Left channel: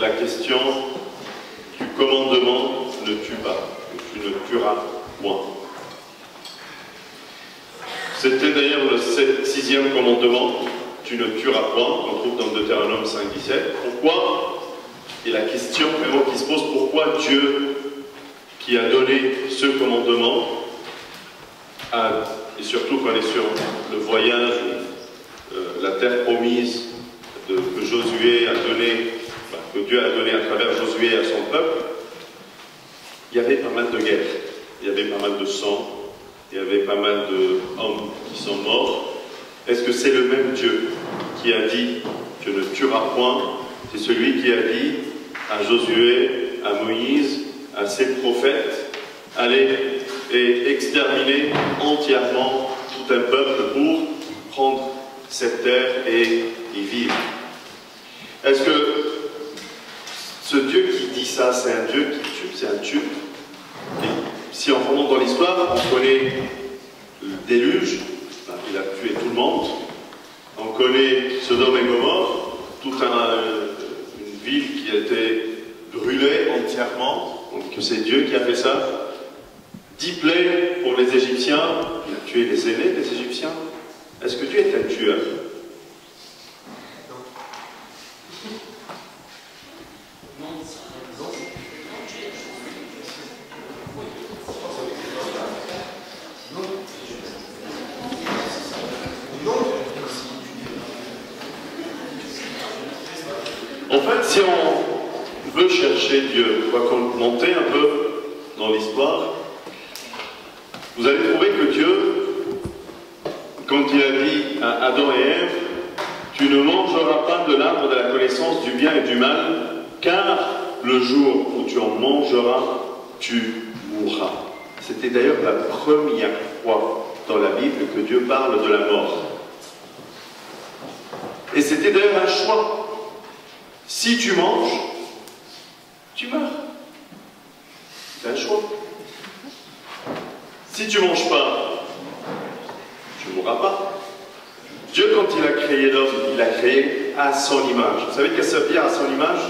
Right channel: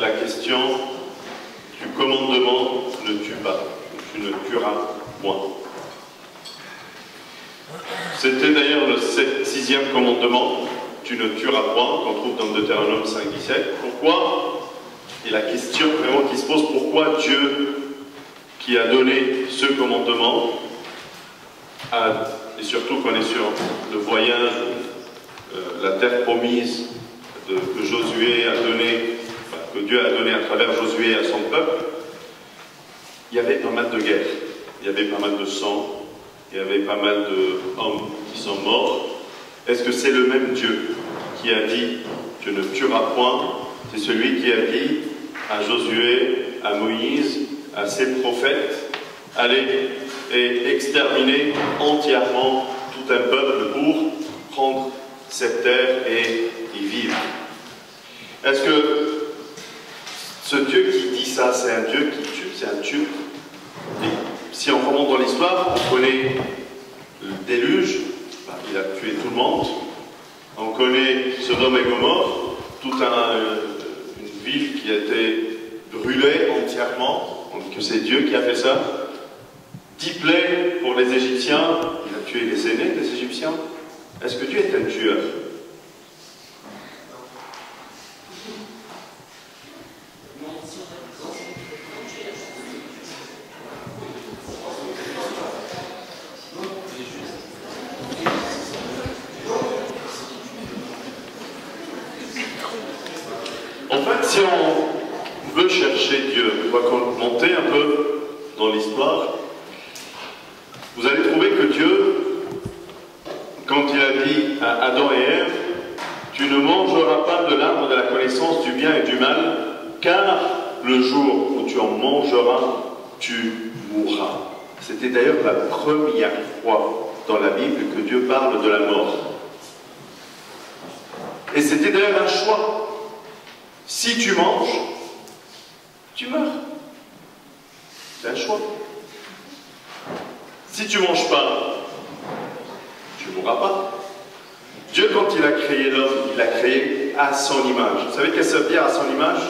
la question du commandement « ne tue pas », tu ne tueras point. C'était d'ailleurs le sixième commandement, « tu ne tueras point », qu'on trouve dans Deutéronome 5,17. Pourquoi? Et la question vraiment qui se pose, pourquoi Dieu, qui a donné ce commandement, et surtout quand on est sur le voyage, la terre promise que Josué a donné, que Dieu a donné à travers Josué à son peuple, il y avait pas mal de guerres, il y avait pas mal de sang, il y avait pas mal d'hommes qui sont morts. Est-ce que c'est le même Dieu qui a dit « tu ne tueras point », c'est celui qui a dit à Josué, à Moïse, à ses prophètes, allez et exterminer entièrement tout un peuple pour prendre cette terre et y vivre. Est-ce que ce Dieu qui dit ça, c'est un Dieu qui tue, c'est un Dieu? Et si on remonte dans l'histoire, on connaît le déluge, il a tué tout le monde. On connaît Sodome et Gomorrhe, toute une ville qui a été brûlée entièrement, donc c'est Dieu qui a fait ça. 10 plaies pour les Égyptiens, il a tué les aînés des Égyptiens. Est-ce que Dieu est un tueur? En fait, si on veut chercher Dieu, on va monter un peu dans l'histoire, vous allez trouver que Dieu, quand il a dit à Adam et Ève, « Tu ne mangeras pas de l'arbre de la connaissance du bien et du mal, car le jour où tu en mangeras, tu mourras. » C'était d'ailleurs la première fois dans la Bible que Dieu parle de la mort. Et c'était d'ailleurs un choix. Si tu manges, tu meurs. C'est un choix. Si tu ne manges pas, tu ne mourras pas. Dieu, quand il a créé l'homme, il l'a créé à son image. Vous savez qu'est-ce que ça veut dire à son image?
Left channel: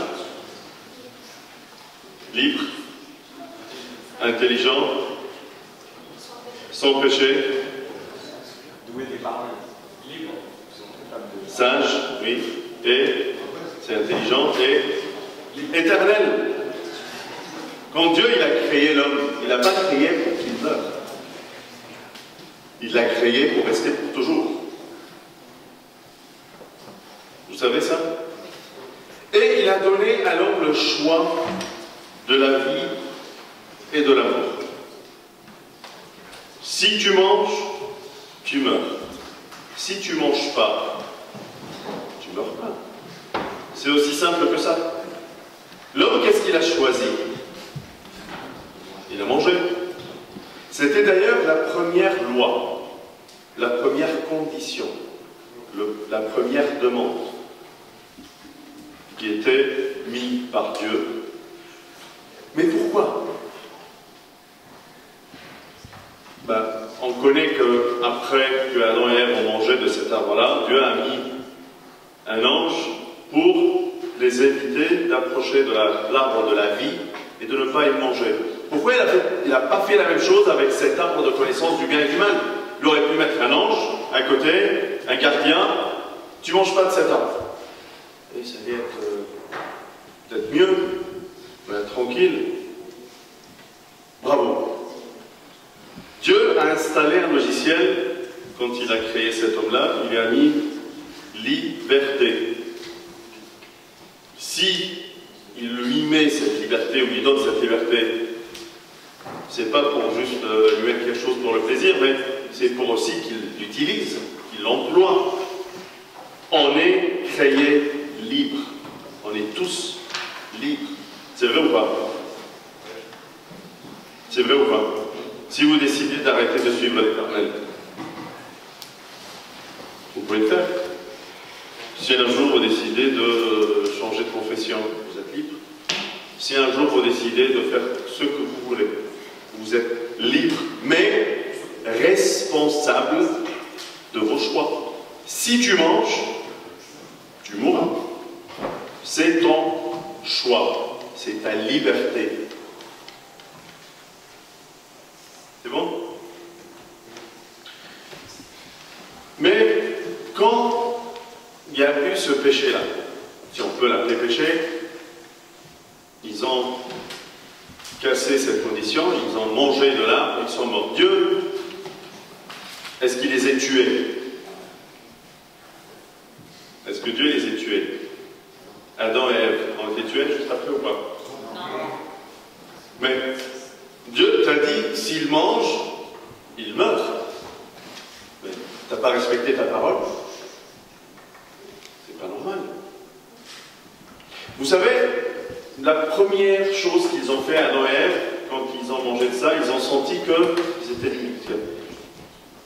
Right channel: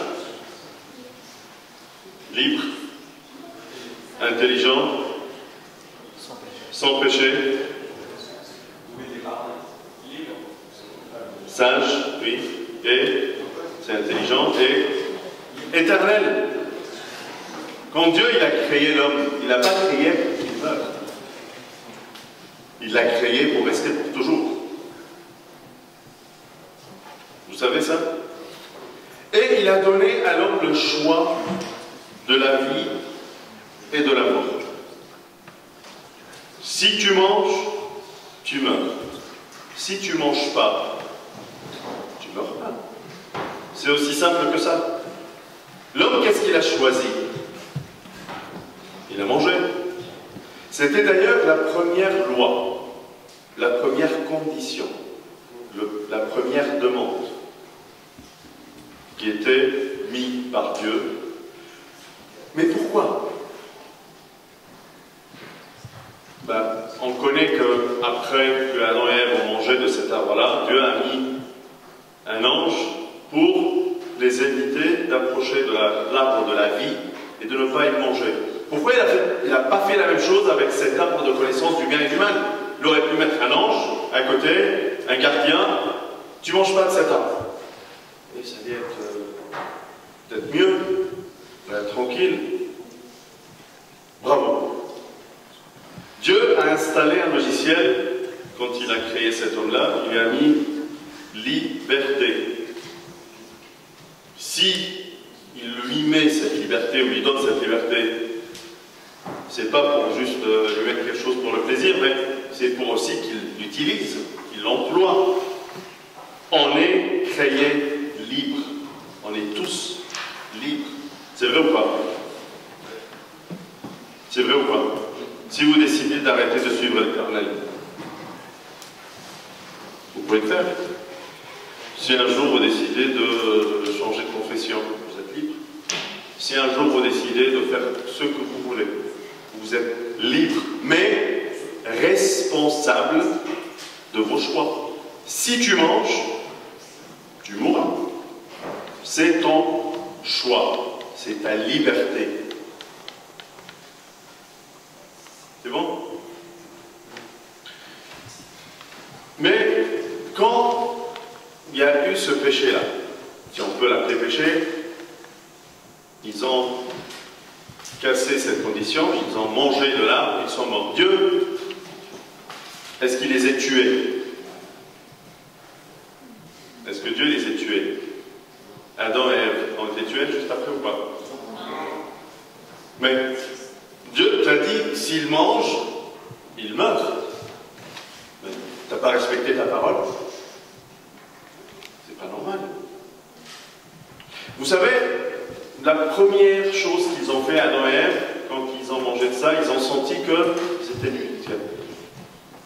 Libre, intelligent, sans péché, sage, oui, et c'est intelligent et éternel. Quand Dieu il a créé l'homme, il n'a pas créé pour qu'il meure. Il l'a créé pour rester pour toujours. Vous savez ça? Et il a donné à l'homme le choix de la vie et de la mort. Si tu manges, tu meurs. Si tu ne manges pas, tu ne meurs pas. C'est aussi simple que ça. L'homme, qu'est-ce qu'il a choisi? Il a mangé. C'était d'ailleurs la première loi, la première condition, la première demande qui était mise par Dieu. Mais pourquoi? On connaît qu'après que Adam et Ève ont mangé de cet arbre-là, Dieu a mis un ange pour les éviter d'approcher de l'arbre de la vie et de ne pas y manger. Pourquoi il n'a pas fait la même chose avec cet arbre de connaissance du bien et du mal? Il aurait pu mettre un ange à côté, un gardien, tu ne manges pas de cet arbre. Et ça allait être peut-être mieux, tranquille. Bravo. Dieu a installé un logiciel, quand il a créé cet homme-là, il lui a mis liberté. Si il lui met cette liberté ou lui donne cette liberté, c'est pas pour juste lui mettre quelque chose pour le plaisir, mais c'est pour aussi qu'il l'utilise, qu'il l'emploie. On est créé libre. On est tous libres. C'est vrai ou pas? C'est vrai ou pas? Si vous décidez d'arrêter de suivre l'Éternel, vous pouvez le faire. Si un jour vous décidez de changer de confession, vous êtes libre. Si un jour vous décidez de faire ce que vous voulez, vous êtes libre, mais responsable de vos choix. Si tu manges, tu mourras. C'est ton choix, c'est ta liberté. C'est bon? Mais quand il y a eu ce péché-là, si on peut l'appeler péché, ils ont cassé cette condition, ils ont mangé de l'arbre, ils sont morts. Dieu, est-ce qu'il les a tués? Est-ce que Dieu les a tués? Adam et Ève ont été tués juste après ou pas? Non. Mais Dieu t'a dit, s'ils mangent, ils meurent. Mais tu n'as pas respecté ta parole. C'est pas normal. Vous savez, la première chose qu'ils ont fait, Adam et Ève, quand ils ont mangé de ça, ils ont senti qu'ils étaient nus.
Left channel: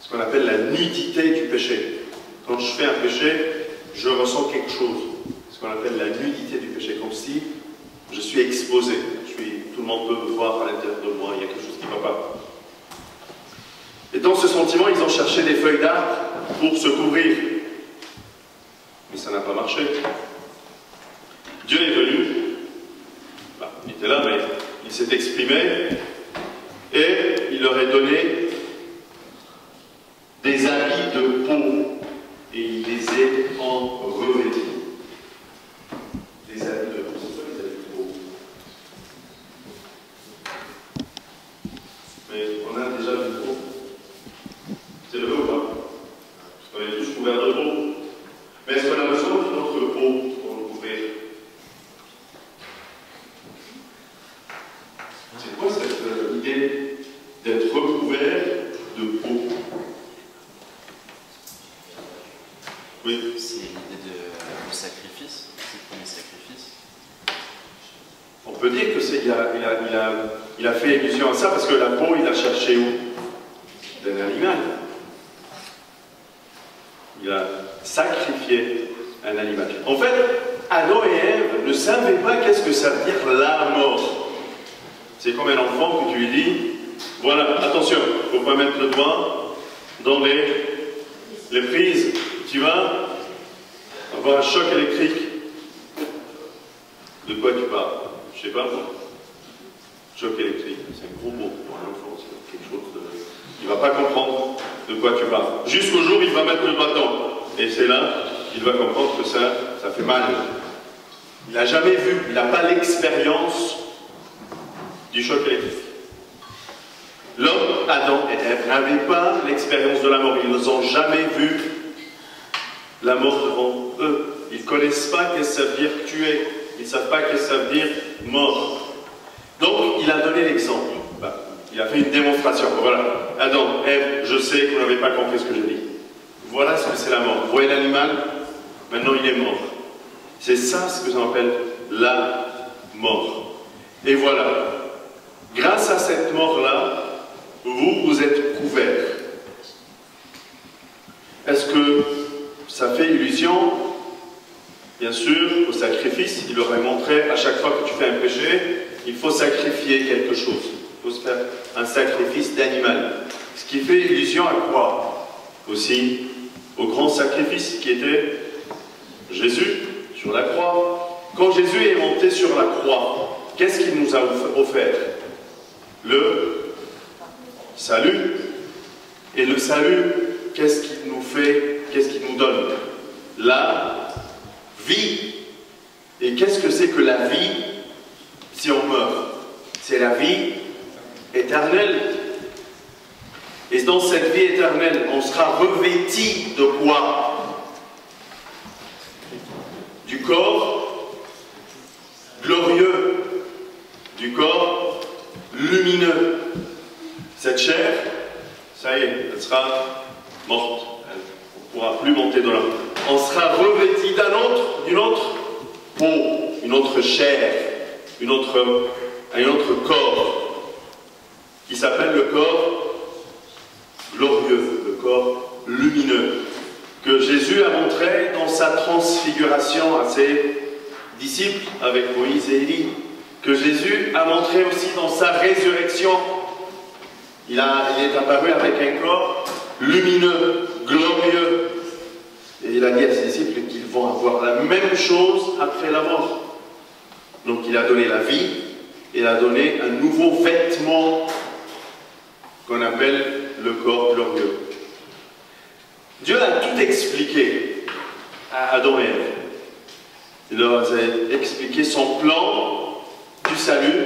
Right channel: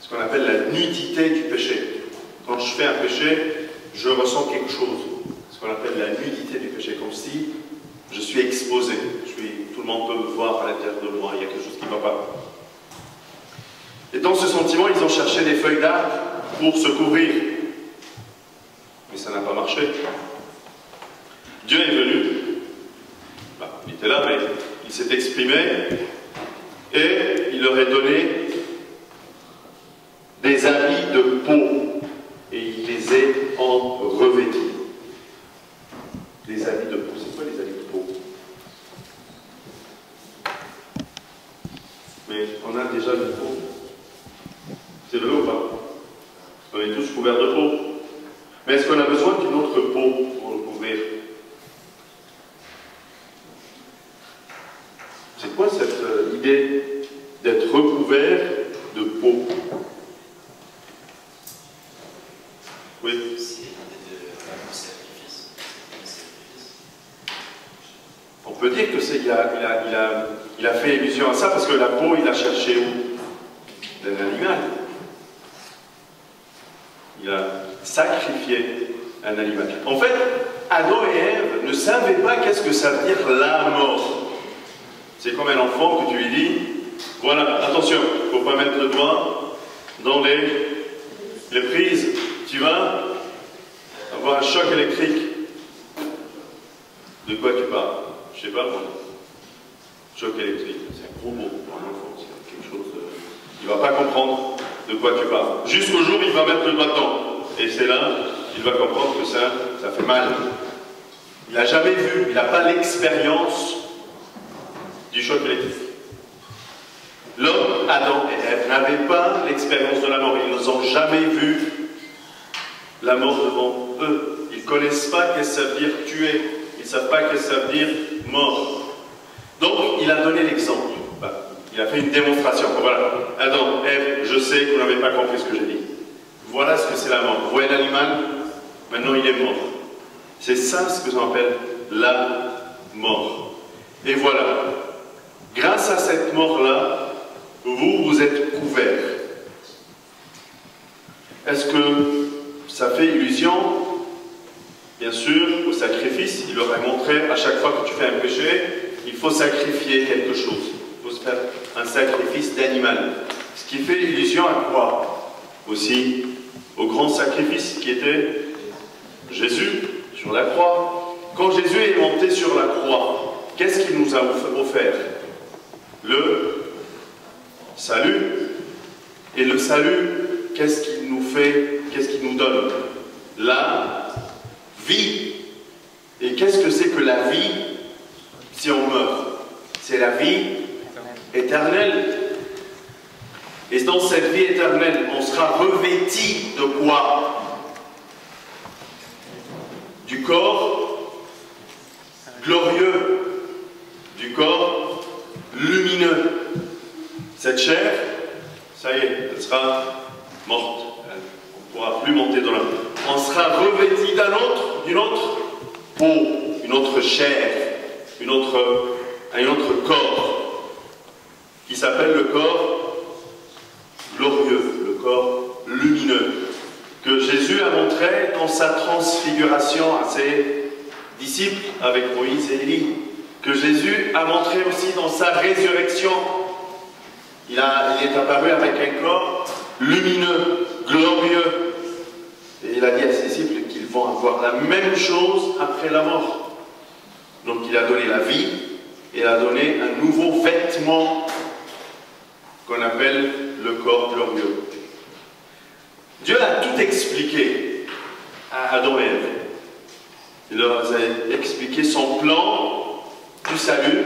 Ce qu'on appelle la nudité du péché. Quand je fais un péché, je ressens quelque chose. Ce qu'on appelle la nudité du péché, comme si je suis exposé. Tout le monde peut me voir à l'intérieur de moi, il y a quelque chose qui ne va pas. Et dans ce sentiment, ils ont cherché des feuilles d'arbre pour se couvrir. Mais ça n'a pas marché. Dieu est venu, il était là, mais il s'est exprimé, et il leur a donné des habits de peau, et il les a en revêtis. Des habits de peau, c'est quoi les habits de peau? Mais on a déjà du peau. C'est le ou pas? On est tous couverts de peau. Mais est-ce qu'on a besoin d'une autre peau pour nous couvrir? C'est quoi cette idée d'être recouvert de peau? Oui. C'est l'idée de sacrifice. C'est le premier sacrifice. On peut dire que il a fait allusion à ça parce que la peau, il a cherché où? D'un animal. Il a sacrifié un animal. En fait, Adam et Ève ne savaient pas qu'est-ce que ça veut dire la mort. C'est comme un enfant que tu lui dis, voilà, attention, il ne faut pas mettre le doigt dans les prises. Tu vas avoir un choc électrique. De quoi tu parles? Je ne sais pas, moi. Choc électrique, c'est un gros mot pour un enfant, c'est quelque chose de... Il ne va pas comprendre de quoi tu parles. Jusqu'au jour où il va mettre le doigt dedans. Et c'est là qu'il va comprendre que ça fait mal. Il n'a jamais vu, il n'a pas l'expérience du choc électrique. L'homme, Adam et Ève, n'avaient pas l'expérience de la mort. Ils n'ont jamais vu la mort devant eux. Ils ne connaissent pas qu'est-ce que ça veut dire tuer. Ils ne savent pas qu'est-ce que ça veut dire mort. Donc, il a donné l'exemple. Il a fait une démonstration. Voilà. Adam, Ève, je sais que vous n'avez pas compris ce que j'ai dit. Voilà ce que c'est la mort. Vous voyez l'animal? Maintenant, il est mort. C'est ça ce que j'en appelle la mort. Et voilà. Grâce à cette mort-là, vous êtes couverts. Est-ce que ça fait illusion? Bien sûr, au sacrifice, il aurait montré à chaque fois que tu fais un péché, il faut sacrifier quelque chose. Il faut se faire un sacrifice d'animal. Ce qui fait illusion à quoi? Aussi au grand sacrifice qui était Jésus sur la croix. Quand Jésus est monté sur la croix, qu'est-ce qu'il nous a offert? Le salut. Et le salut, qu'est-ce qu'il nous fait? Qu'est-ce qu'il nous donne? La vie. Et qu'est-ce que c'est que la vie si on meurt? C'est la vie éternelle. Et dans cette vie éternelle, on sera revêti de quoi? Du corps glorieux, du corps lumineux. Cette chair, ça y est, elle sera morte. On ne pourra plus monter dans la... On sera revêti d'une autre peau, une autre chair, un autre corps, qui s'appelle le corps glorieux, le corps lumineux, que Jésus a montré dans sa transfiguration à ses disciples avec Moïse et Élie, que Jésus a montré aussi dans sa résurrection. Il est apparu avec un corps lumineux, glorieux. Et il a dit à ses disciples qu'ils vont avoir la même chose après la mort. Donc il a donné la vie, et il a donné un nouveau vêtement qu'on appelle le corps glorieux. Dieu a tout expliqué à Adam et Ève. Il leur a expliqué son plan du salut,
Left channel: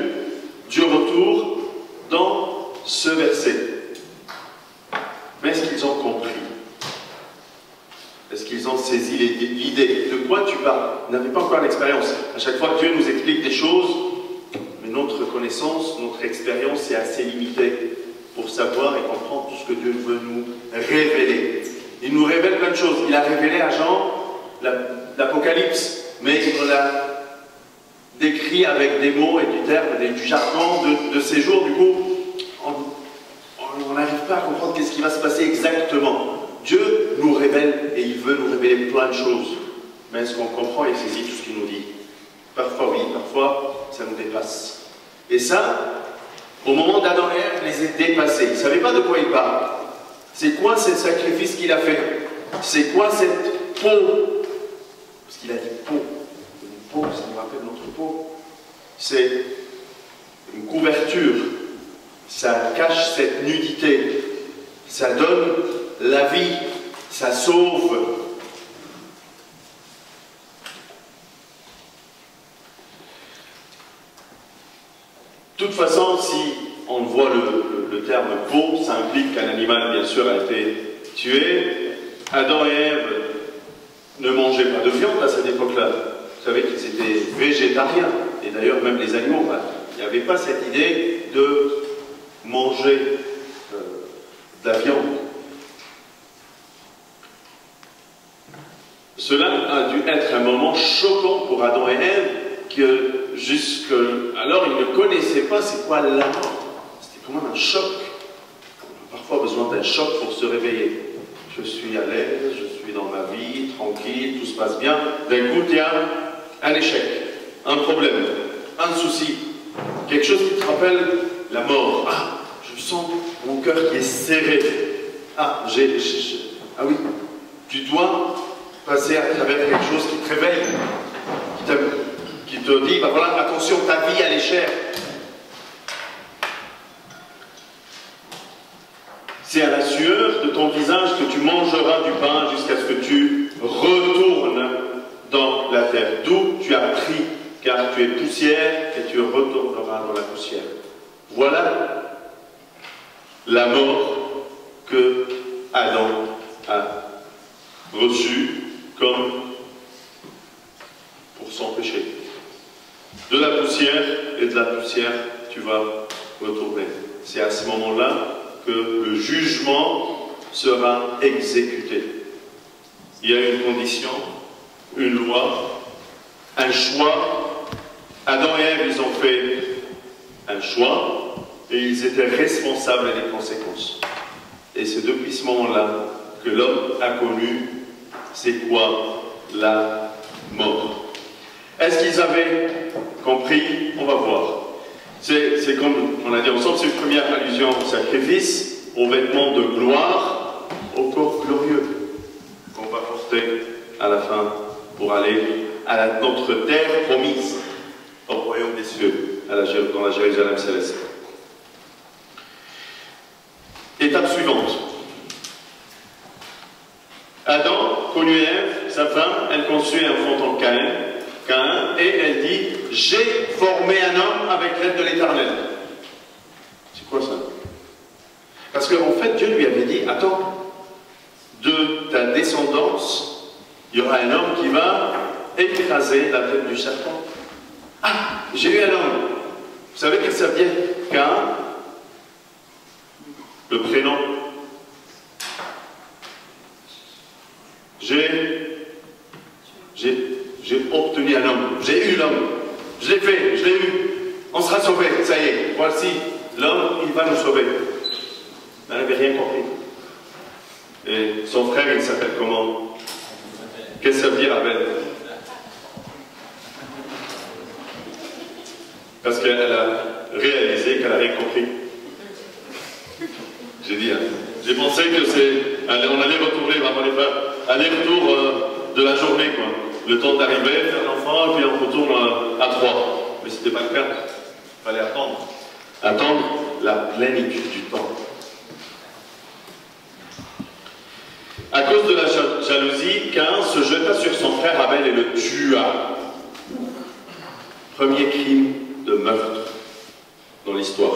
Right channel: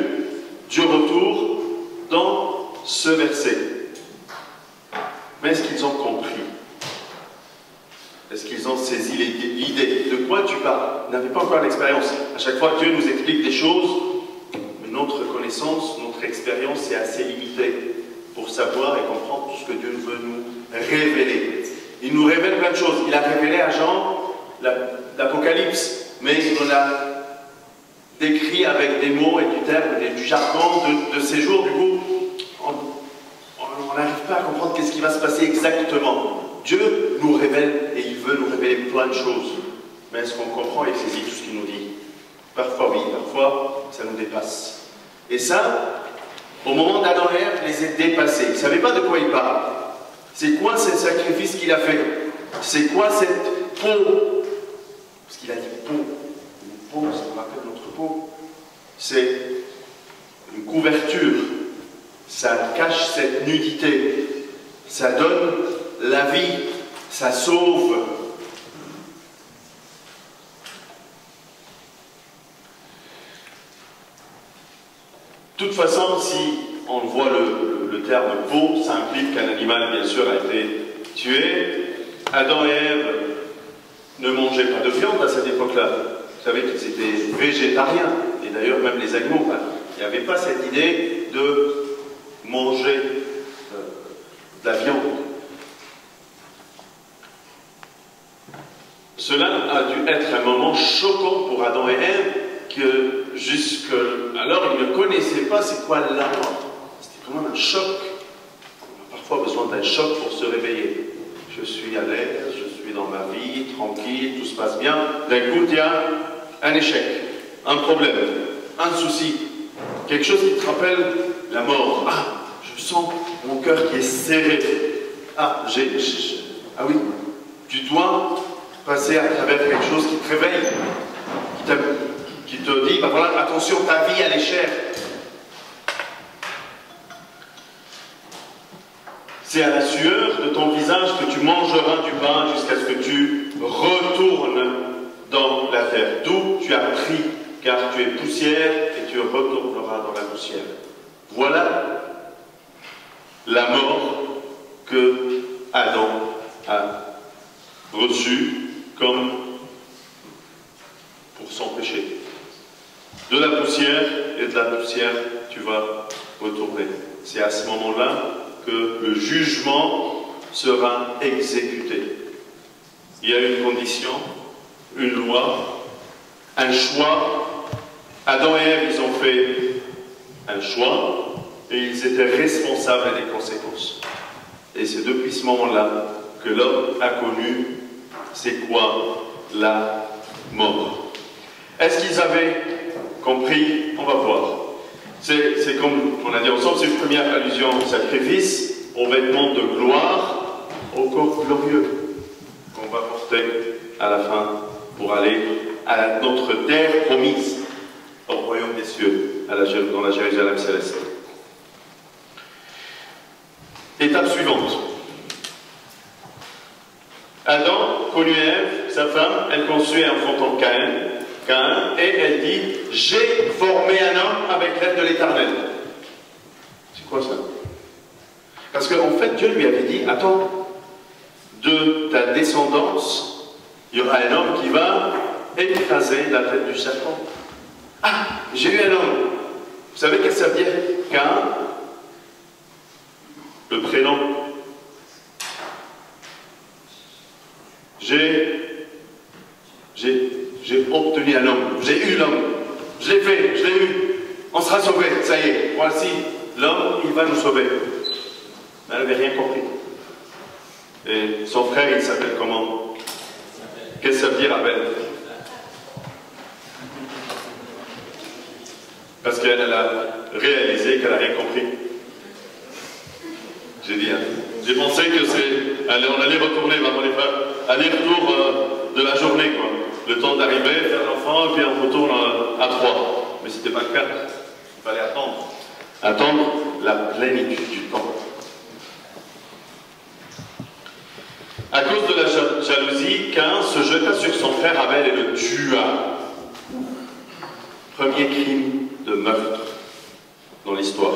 du retour, dans ce verset. Mais est-ce qu'ils ont compris? Est-ce qu'ils ont saisi l'idée? De quoi tu parles? Ils n'avaient pas encore l'expérience. À chaque fois, Dieu nous explique des choses, mais notre connaissance, notre expérience est assez limitée pour savoir et comprendre tout ce que Dieu veut nous révéler. Il nous révèle plein de choses. Il a révélé à Jean l'Apocalypse, mais il l'a décrit avec des mots et du terme, du jargon de ces jours. Du coup, on n'arrive pas à comprendre qu'est-ce qui va se passer exactement. Dieu nous révèle et il veut nous révéler plein de choses. Mais est-ce qu'on comprend et saisit tout ce qu'il nous dit? Parfois oui, parfois ça nous dépasse. Et ça, au moment d'Adam et Ève, les a dépassés. Ils ne savaient pas de quoi il parle. C'est quoi ce sacrifice qu'il a fait? C'est quoi cette peau? Parce qu'il a dit peau. Une peau, ça nous rappelle notre peau. C'est une couverture. Ça cache cette nudité. Ça donne la vie. Ça sauve. De toute façon, si on voit le terme peau, ça implique qu'un animal, bien sûr, a été tué. Adam et Ève ne mangeaient pas de viande à cette époque-là. Vous savez qu'ils étaient végétariens. Et d'ailleurs, même les animaux, il n'y avait pas cette idée de manger de la viande. Cela a dû être un moment choquant pour Adam et Ève, que jusqu'alors ils ne connaissaient pas c'est quoi la mort. C'était quand même un choc. On a parfois besoin d'un choc pour se réveiller. Je suis à l'aise, je suis dans ma vie, tranquille, tout se passe bien. D'un coup, il y a un échec, un problème, un souci, quelque chose qui te rappelle la mort. Ah, je sens mon cœur qui est serré. Ah, ah oui, tu dois passer à travers quelque chose qui te réveille, qui te dit, ben voilà, attention, ta vie, elle est chère. C'est à la sueur de ton visage que tu mangeras du pain jusqu'à ce que tu retournes dans la terre, d'où tu as pris, car tu es poussière et tu retourneras dans la poussière. Voilà la mort que Adam a reçue comme pour son péché. De la poussière, et de la poussière, tu vas retourner. C'est à ce moment-là que le jugement sera exécuté. Il y a une condition, une loi, un choix. Adam et Ève, ils ont fait un choix et ils étaient responsables des conséquences. Et c'est depuis ce moment-là que l'homme a connu c'est quoi la mort. Est-ce qu'ils avaient compris? On va voir. C'est comme on a dit ensemble, c'est une première allusion au sacrifice, au vêtement de gloire, au corps glorieux qu'on va porter à la fin pour aller à notre terre promise, au royaume des cieux, dans la Jérusalem céleste. Étape suivante. Adam connut Ève, sa femme, elle conçut et enfantant Caïn, et elle dit « J'ai formé un homme avec l'aide de l'Éternel. » C'est quoi ça? Parce qu'en fait, Dieu lui avait dit « Attends, de ta descendance, il y aura un homme qui va écraser la tête du serpent. » Ah, j'ai eu un homme. Vous savez qu'est-ce que ça veut dire? Caïn, le prénom. J'ai obtenu un homme, j'ai eu l'homme, je l'ai fait, je l'ai eu, on sera sauvé, ça y est, voici, l'homme, il va nous sauver. Elle n'avait rien compris. Et son frère, il s'appelle comment? Qu'est-ce que ça veut dire, Abel? Parce qu'elle a réalisé qu'elle n'a rien compris. J'ai dit, hein. J'ai pensé que on allait retourner, vraiment les frères, aller-retour de la journée, quoi. Le temps d'arriver, faire l'enfant, et puis on retourne à 3. Mais ce n'était pas le cas. Il fallait attendre. Attendre la plénitude du temps. À cause de la jalousie, Caïn se jeta sur son frère Abel et le tua. Premier crime de meurtre dans l'histoire.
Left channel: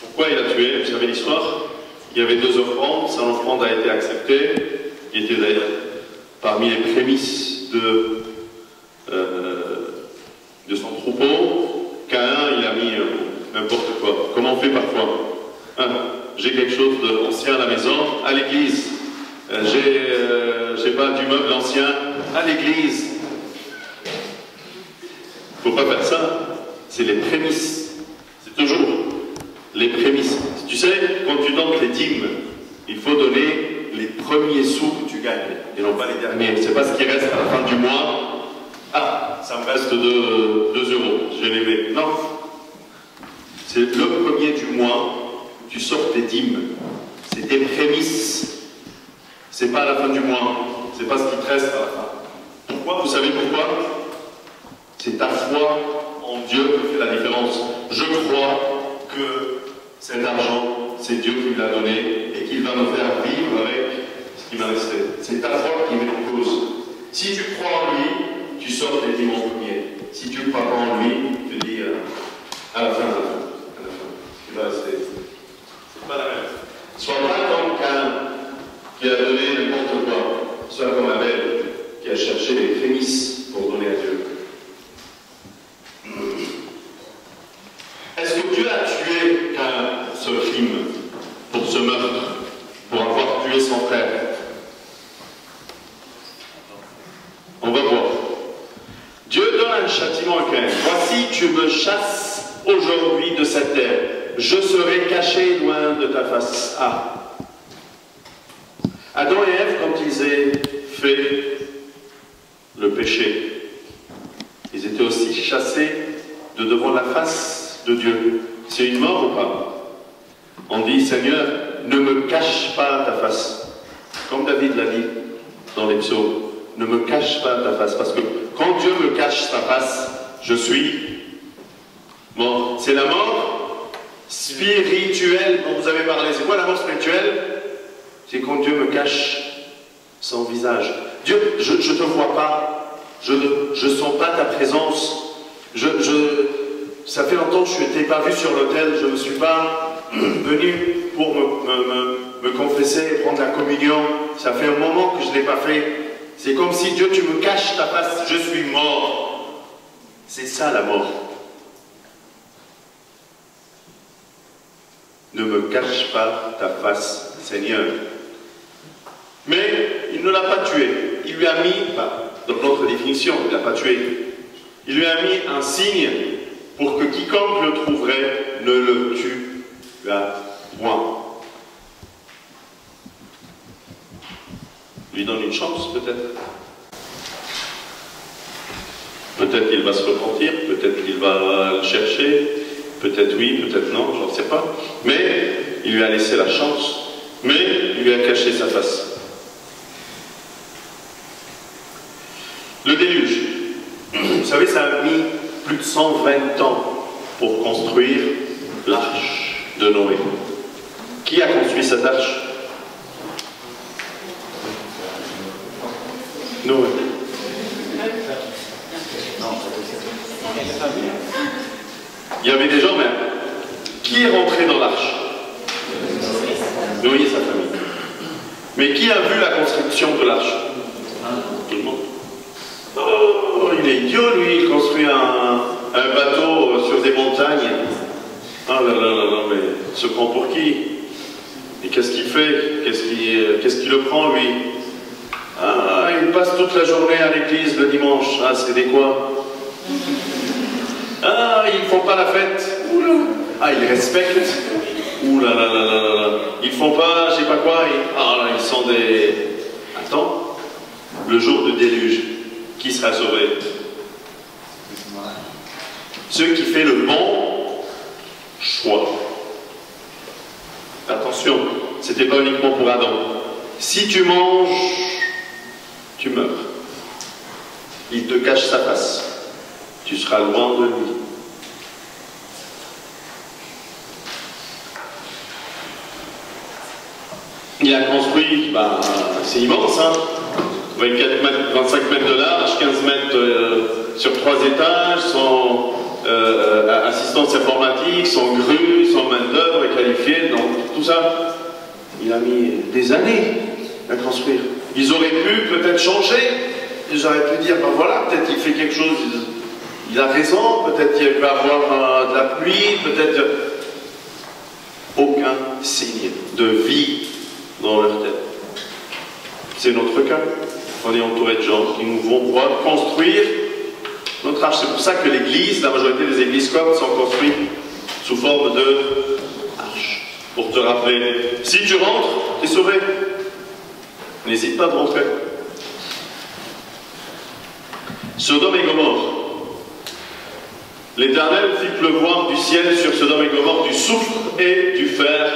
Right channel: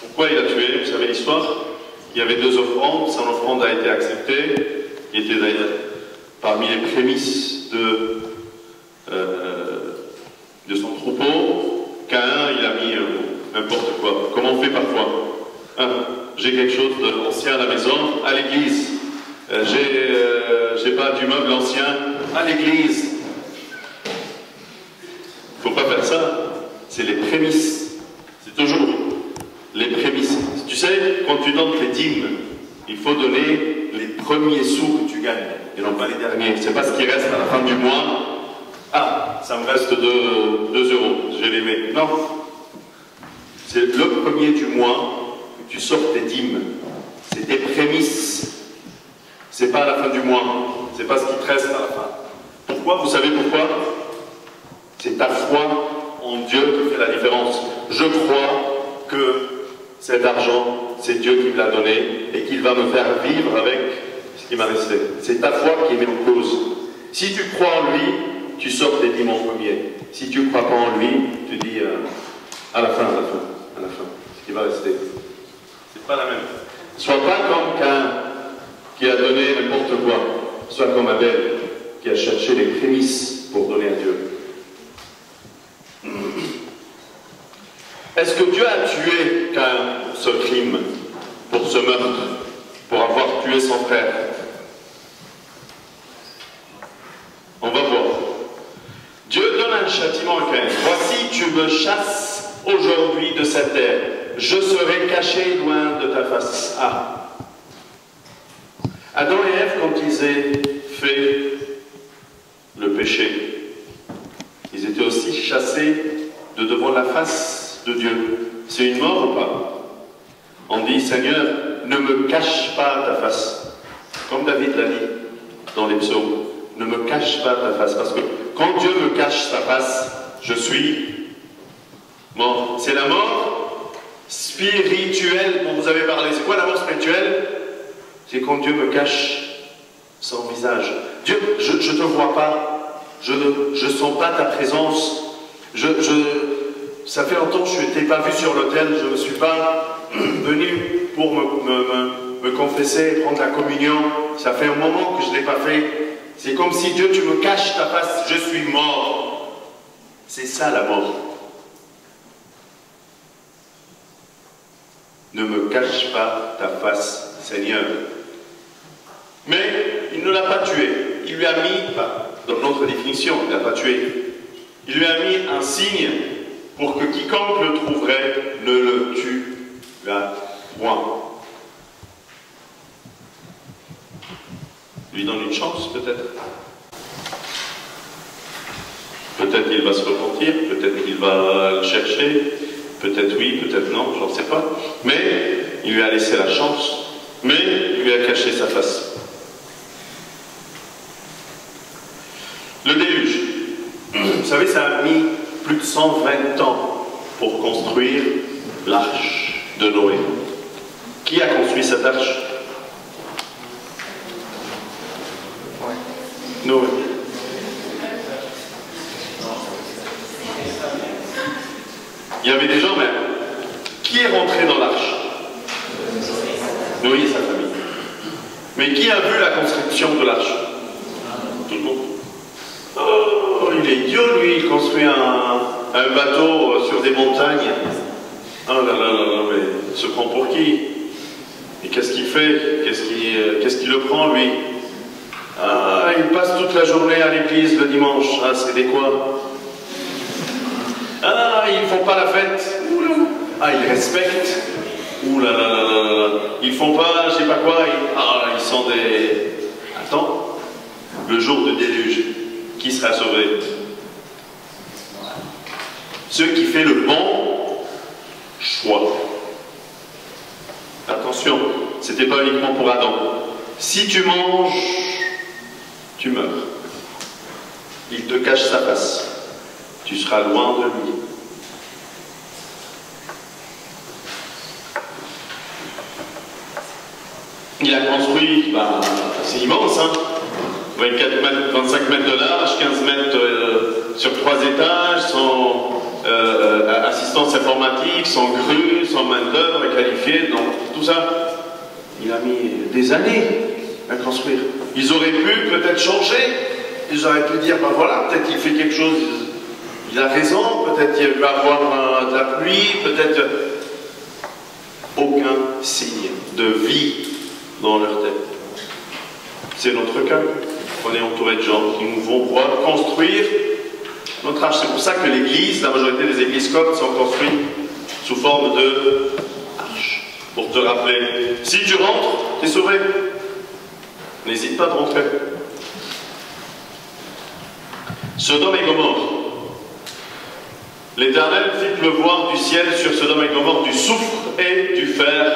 Pourquoi il a tué? Vous savez l'histoire? Il y avait 2 offrandes, son offrande a été acceptée, il était d'ailleurs parmi les prémices de son troupeau. Caïn, il a mis n'importe quoi, comme on fait parfois. J'ai quelque chose d'ancien à la maison, à l'église. J'ai pas du meuble ancien, à l'église. Faut pas faire ça. C'est les prémices. C'est toujours les prémices. Tu sais, quand tu donnes tes dîmes, il faut donner les premiers sous que tu gagnes, et non pas les derniers. C'est pas ce qui reste à la fin du mois. Ah, ça me reste 2 euros, je vais les mettre. Non. C'est le premier du mois. Tu sors tes dîmes, c'est tes prémices, c'est pas à la fin du mois, c'est pas ce qui te reste à la fin. Pourquoi? Vous savez pourquoi? C'est ta foi en Dieu qui fait la différence. Je crois que cet argent, c'est Dieu qui me l'a donné et qu'il va me faire vivre avec ce qui m'a resté. C'est ta foi qui met en cause. Si tu crois en lui, tu sors tes dîmes en premier. Si tu ne crois pas en lui, tu dis à la fin, ce qui va rester. Pas la même. Sois pas comme Caïn qui a donné n'importe quoi. Sois comme Abel qui a cherché les prémices pour donner à Dieu. Est-ce que Dieu a tué Caïn pour ce crime, pour ce meurtre, pour avoir tué son frère? On va voir. Dieu donne un châtiment à Caïn. Voici, tu me chasses aujourd'hui de cette terre. Je serai caché loin de ta face. Ah. Adam et Ève, quand ils ont fait le péché, ils étaient aussi chassés de devant la face de Dieu. C'est une mort ou pas? On dit, Seigneur, ne me cache pas ta face. Comme David l'a dit dans les psaumes, ne me cache pas ta face. Parce que quand Dieu me cache sa face, je suis mort. C'est la mort spirituelle dont vous avez parlé. C'est quoi la mort spirituelle? C'est quand Dieu me cache son visage. Dieu, je ne te vois pas, je ne sens pas ta présence, ça fait longtemps que je ne t'ai pas vu sur l'autel, je ne suis pas venu pour me confesser et prendre la communion, ça fait un moment que je ne l'ai pas fait. C'est comme si Dieu, tu me caches ta face, je suis mort. C'est ça la mort. Ne me cache pas ta face, Seigneur. Mais il ne l'a pas tué. Il lui a mis, dans notre définition, il ne l'a pas tué. Il lui a mis un signe pour que quiconque le trouverait ne le tue point. Lui donne une chance, peut-être. Peut-être qu'il va se repentir, peut-être qu'il va le chercher. Peut-être oui, peut-être non, j'en sais pas. Mais il lui a laissé la chance. Mais il lui a caché sa face. Le déluge. Vous savez, ça a mis plus de 120 ans pour construire l'arche de Noé. Qui a construit cette arche? Noé. Il y avait des gens même. Qui est rentré dans l'arche? Noé et sa famille. Mais qui a vu la construction de l'arche? Tout le monde. Oh, il est idiot, lui, il construit un bateau sur des montagnes. Oh là là là là, mais il se prend pour qui? Et qu'est-ce qu'il fait? Qu'est-ce qui le prend, lui? Ah, il passe toute la journée à l'église le dimanche. Ah, c'est des quoi? Ah, ils font pas la fête. Oula. Ah, ils respectent. Ouh là là là là là. Ils font pas, je sais pas quoi. Ah là, ils sont des... Attends. Le jour de déluge, qui sera sauvé? Ceux qui font le bon choix. Attention, c'était pas uniquement pour Adam. Si tu manges, tu meurs. Il te cache sa face. Tu tu seras loin de lui. Il a construit, c'est immense, hein, 24 mètres, 25 mètres de large, 15 mètres sur 3 étages, sans assistance informatique, sans grue, sans main-d'œuvre qualifiée, donc tout ça, il a mis des années à construire. Ils auraient pu peut-être changer, ils auraient pu dire, ben voilà, peut-être qu'il fait quelque chose, il a raison, peut-être qu'il va avoir de la pluie, peut-être aucun signe de vie dans leur tête. C'est notre cas. On est entouré de gens qui nous vont voir construire notre âge. C'est pour ça que l'église, la majorité des églises coptes sont construites sous forme de arche. Pour te rappeler, si tu rentres, tu es sauvé. N'hésite pas de rentrer. Sodome et Gomorrhe. L'Éternel fit pleuvoir du ciel sur Sodome et Gomorrhe du soufre et du fer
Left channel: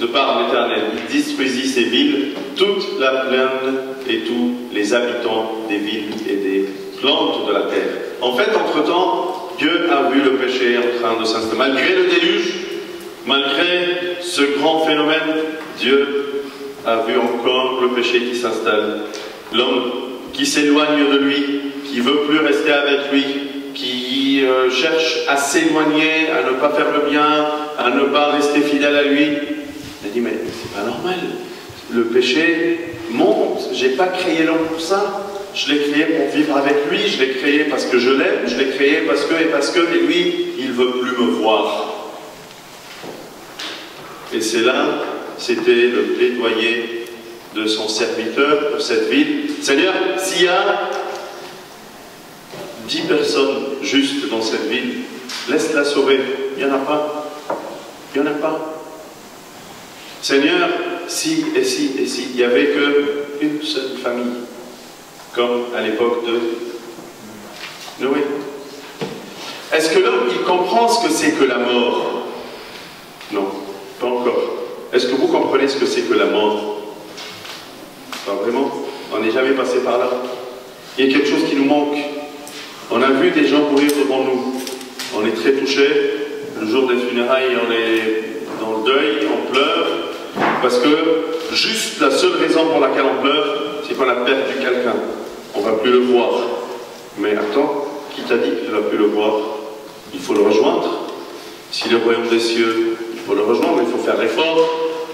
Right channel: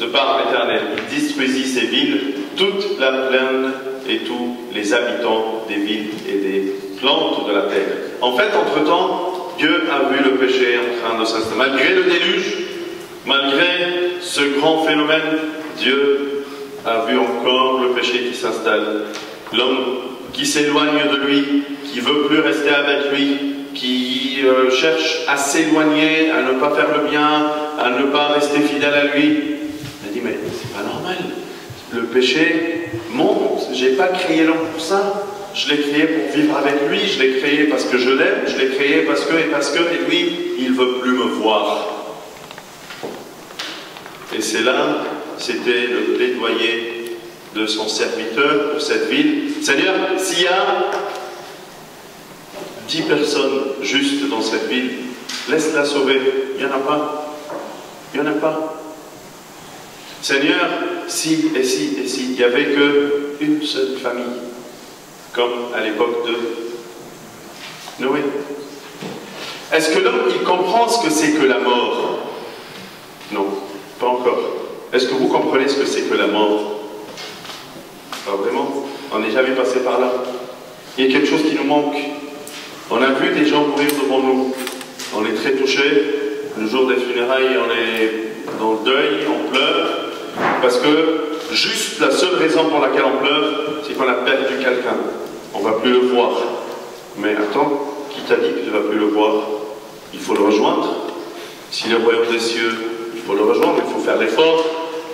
de par l'Éternel. Il détruisit ces villes, toute la plaine et tous les habitants des villes et des plantes de la terre. En fait, entre-temps, Dieu a vu le péché en train de s'installer. Malgré le déluge, malgré ce grand phénomène, Dieu a vu encore le péché qui s'installe. L'homme qui s'éloigne de lui, qui veut plus rester avec lui, qui cherche à s'éloigner, à ne pas faire le bien, à ne pas rester fidèle à lui. Il a dit, mais c'est pas normal. Le péché monte. J'ai pas créé l'homme pour ça. Je l'ai créé pour vivre avec lui. Je l'ai créé parce que je l'aime. Je l'ai créé parce que, et lui, il veut plus me voir. Et c'est là, c'était le plaidoyer de son serviteur pour cette ville. Seigneur, s'il y a 10 personnes justes dans cette ville, laisse-la sauver. Il n'y en a pas. Il n'y en a pas. Seigneur, si, il n'y avait qu'une seule famille, comme à l'époque de Noé. Est-ce que l'homme, il comprend ce que c'est que la mort? Non, pas encore. Est-ce que vous comprenez ce que c'est que la mort? Pas vraiment. On n'est jamais passé par là. Il y a quelque chose qui nous manque. On a vu des gens mourir devant nous. On est très touchés. Le jour des funérailles, on est dans le deuil, on pleure. Parce que juste la seule raison pour laquelle on pleure, c'est qu'on a perdu quelqu'un. On ne va plus le voir. Mais attends, qui t'a dit qu'il ne va plus le voir? Il faut le rejoindre. Si le royaume des cieux, il faut le rejoindre, il faut faire l'effort,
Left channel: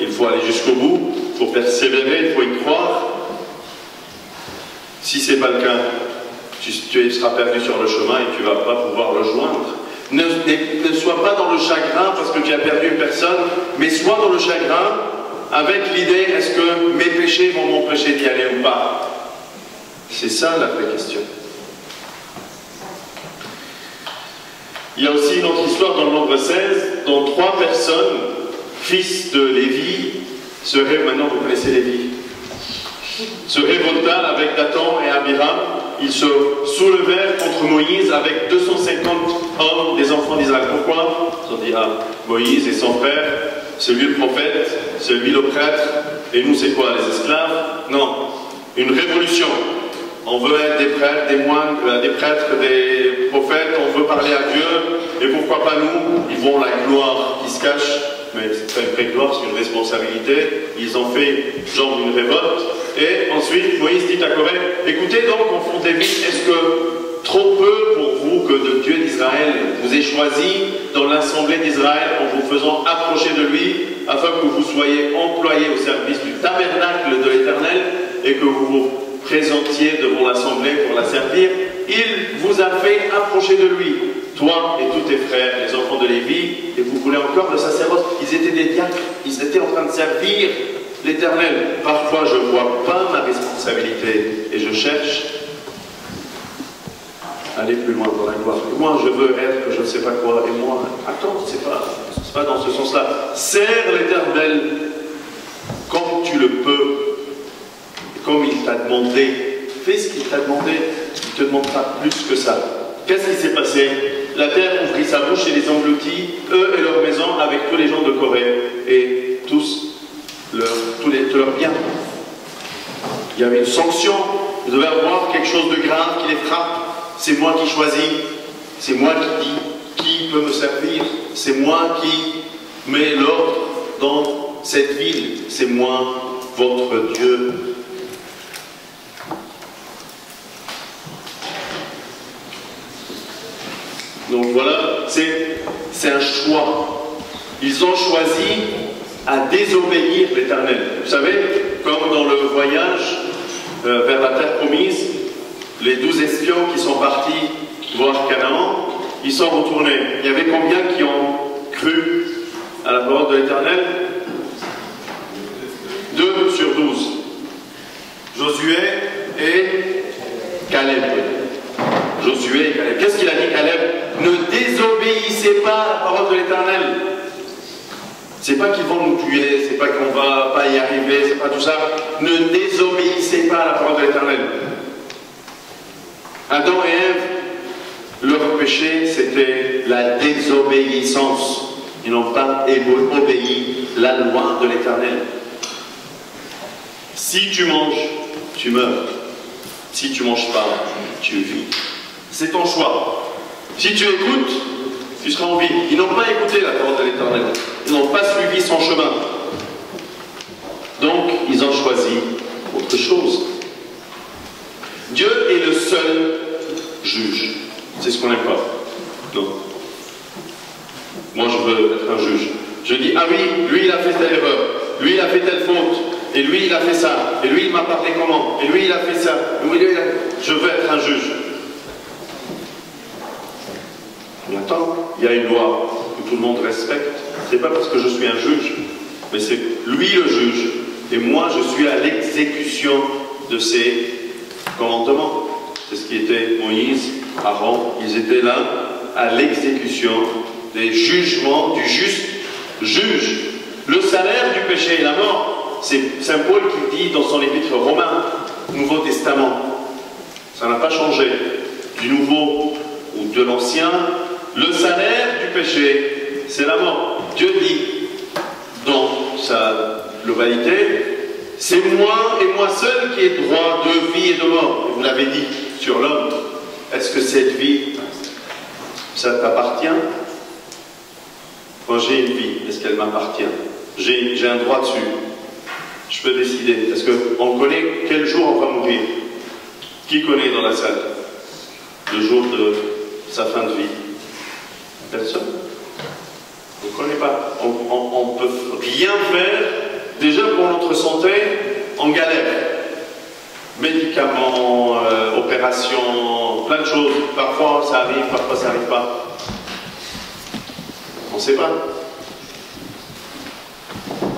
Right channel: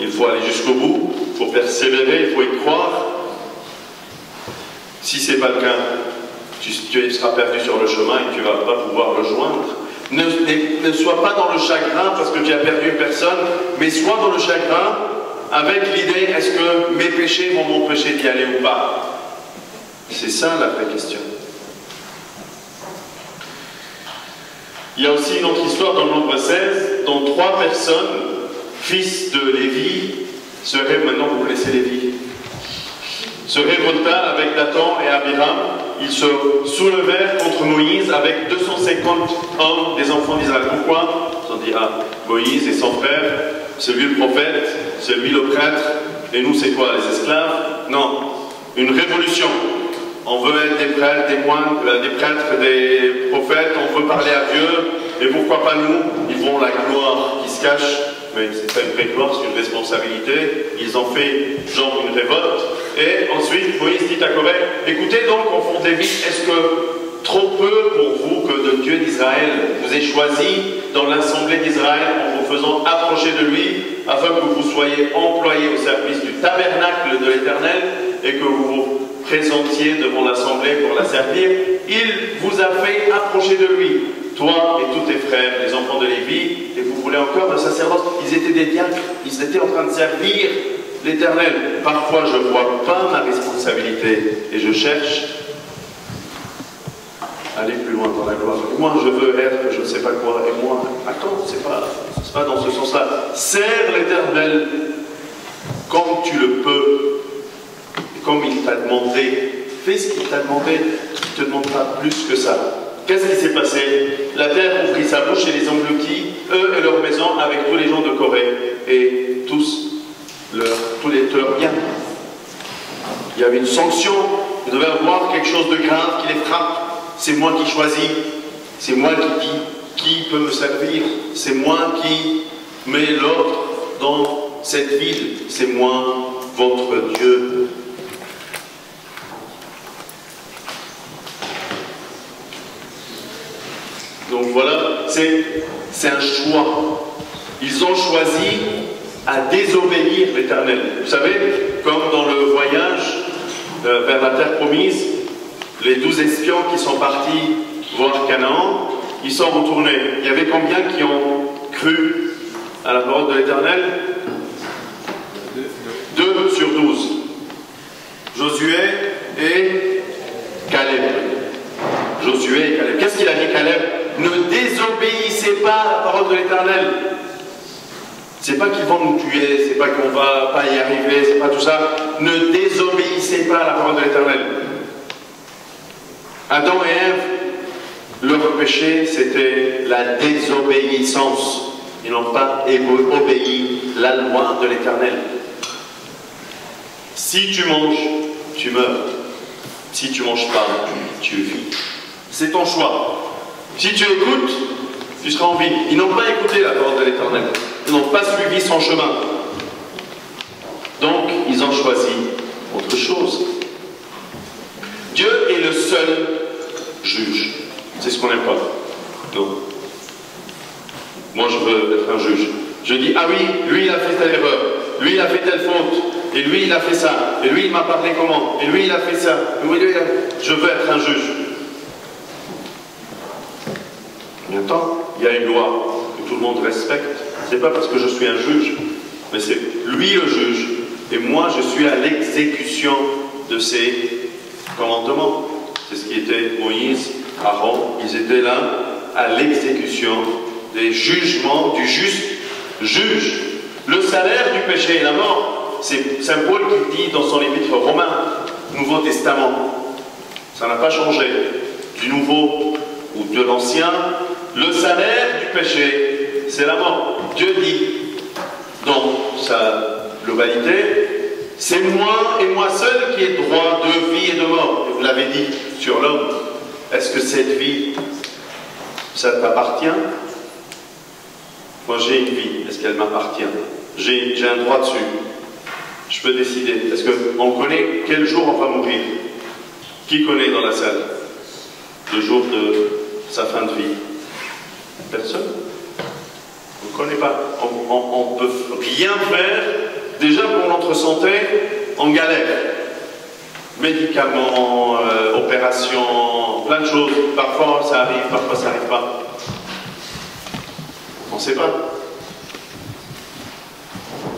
il faut aller jusqu'au bout, il faut persévérer, il faut y croire. Si ce n'est pas le cas, tu seras perdu sur le chemin et tu ne vas pas pouvoir le joindre. Ne sois pas dans le chagrin parce que tu as perdu une personne, mais sois dans le chagrin avec l'idée, est-ce que mes péchés vont m'empêcher d'y aller ou pas? C'est ça la vraie question. Il y a aussi une autre histoire dans le Nombre 16, dont 3 personnes, fils de Lévi, maintenant vous connaissez Lévi, se révolta avec Dathan et Abiram. Ils se soulevèrent contre Moïse avec 250 hommes des enfants d'Israël. Pourquoi? Ils ont dit, Moïse et son frère, c'est lui le prophète, c'est lui le prêtre, et nous c'est quoi, les esclaves? Non, une révolution. On veut être des prêtres, des moines, des prêtres, des prophètes, on veut parler à Dieu, et pourquoi pas nous? Ils vont la gloire qui se cache, mais c'est pas une vraie gloire, c'est une responsabilité. Ils ont fait genre une révolte, et ensuite Moïse dit à Corée, écoutez donc, enfants des villes, est-ce que trop peu pour vous que le Dieu d'Israël vous ait choisi dans l'assemblée d'Israël en vous faisant approcher de lui, afin que vous soyez employés au service du tabernacle de l'Éternel, et que vous vous présentiez devant l'assemblée pour la servir? Il vous a fait approcher de lui, toi et tous tes frères, les enfants de Lévi, et vous voulez encore le sacerdoce. Ils étaient des diacres, ils étaient en train de servir l'Éternel. Parfois je ne vois pas ma responsabilité et je cherche à aller plus loin dans la gloire. Et moi je veux être je ne sais pas quoi, et moi, attends, c'est pas dans ce sens-là. Sers l'Éternel comme tu le peux, et comme il t'a demandé. Fais ce qu'il t'a demandé, il ne te demande pas plus que ça. Qu'est-ce qui s'est passé? La terre ouvrit sa bouche et les engloutit, eux et leur maison, avec tous les gens de Corée, et tous leurs biens. Il y avait une sanction, vous devez avoir quelque chose de grave qui les frappe. C'est moi qui choisis, C'est moi qui dis qui peut me servir. C'est moi qui mets l'ordre dans cette ville. C'est moi, votre Dieu. Donc voilà, c'est un choix. Ils ont choisi à désobéir l'Éternel. Vous savez, comme dans le voyage vers la terre promise, les 12 espions qui sont partis voir Canaan, ils sont retournés. Il y avait combien qui ont cru à la parole de l'Éternel? 2 sur 12. Josué et Caleb. Josué et Caleb. Qu'est-ce qu'il a dit, Caleb? Ne désobéissez pas à la parole de l'Éternel. C'est pas qu'ils vont nous tuer, c'est pas qu'on va pas y arriver, c'est pas tout ça. Ne désobéissez pas à la parole de l'Éternel. Adam et Ève, leur péché, c'était la désobéissance. Ils n'ont pas obéi la loi de l'Éternel. Si tu manges, tu meurs. Si tu manges pas, tu vis. C'est ton choix. Si tu écoutes, tu seras en vie. Ils n'ont pas écouté la parole de l'Éternel. Ils n'ont pas suivi son chemin. Donc, ils ont choisi autre chose. Dieu est le seul juge. C'est ce qu'on n'aime pas. Non. Moi, je veux être un juge. Je dis, ah oui, lui, il a fait telle erreur. Lui, il a fait telle faute. Et lui, il a fait ça. Et lui, il m'a parlé comment. Et lui, il a fait ça. Et lui, je veux être un juge. Mais attends, il y a une loi que tout le monde respecte. Ce n'est pas parce que je suis un juge, mais c'est lui le juge. Et moi, je suis à l'exécution de ses commandements. C'est ce qui était Moïse, Aaron. Ils étaient là à l'exécution des jugements du juste juge. Le salaire du péché est la mort. C'est Saint Paul qui dit dans son épître romain, Nouveau Testament. Ça n'a pas changé. Du Nouveau ou de l'Ancien, le salaire du péché, c'est la mort. Dieu dit, dans sa globalité, c'est moi et moi seul qui ai droit de vie et de mort. Et vous l'avez dit sur l'homme. Est-ce que cette vie, ça t'appartient? Moi j'ai une vie, est-ce qu'elle m'appartient? J'ai un droit dessus. Je peux décider. Est-ce qu'on connaît quel jour on va mourir? Qui connaît dans la salle le jour de sa fin de vie? Personne. On ne connaît pas. On ne peut rien faire. Déjà pour notre santé, on galère. Médicaments, opérations, plein de choses. Parfois ça arrive, parfois ça n'arrive pas. On ne sait pas.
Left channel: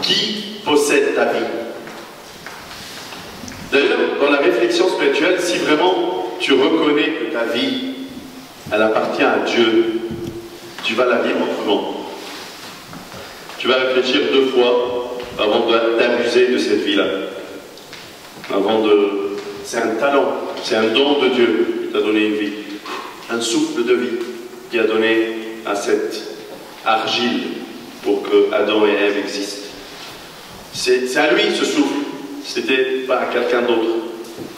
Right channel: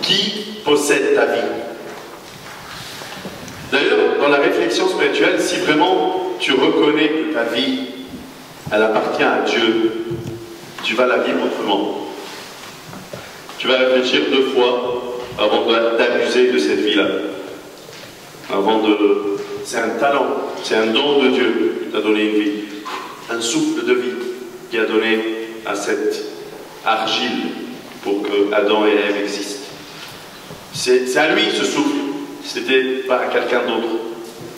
Qui possède ta vie? D'ailleurs, dans la réflexion spirituelle, si vraiment tu reconnais que ta vie, elle appartient à Dieu, tu vas la vivre autrement. Tu vas réfléchir 2 fois avant d'abuser de cette vie-là. C'est un talent, c'est un don de Dieu qui t'a donné une vie. Un souffle de vie qui a donné à cette argile pour que Adam et Ève existent. C'est à lui ce souffle. C'était pas à quelqu'un d'autre.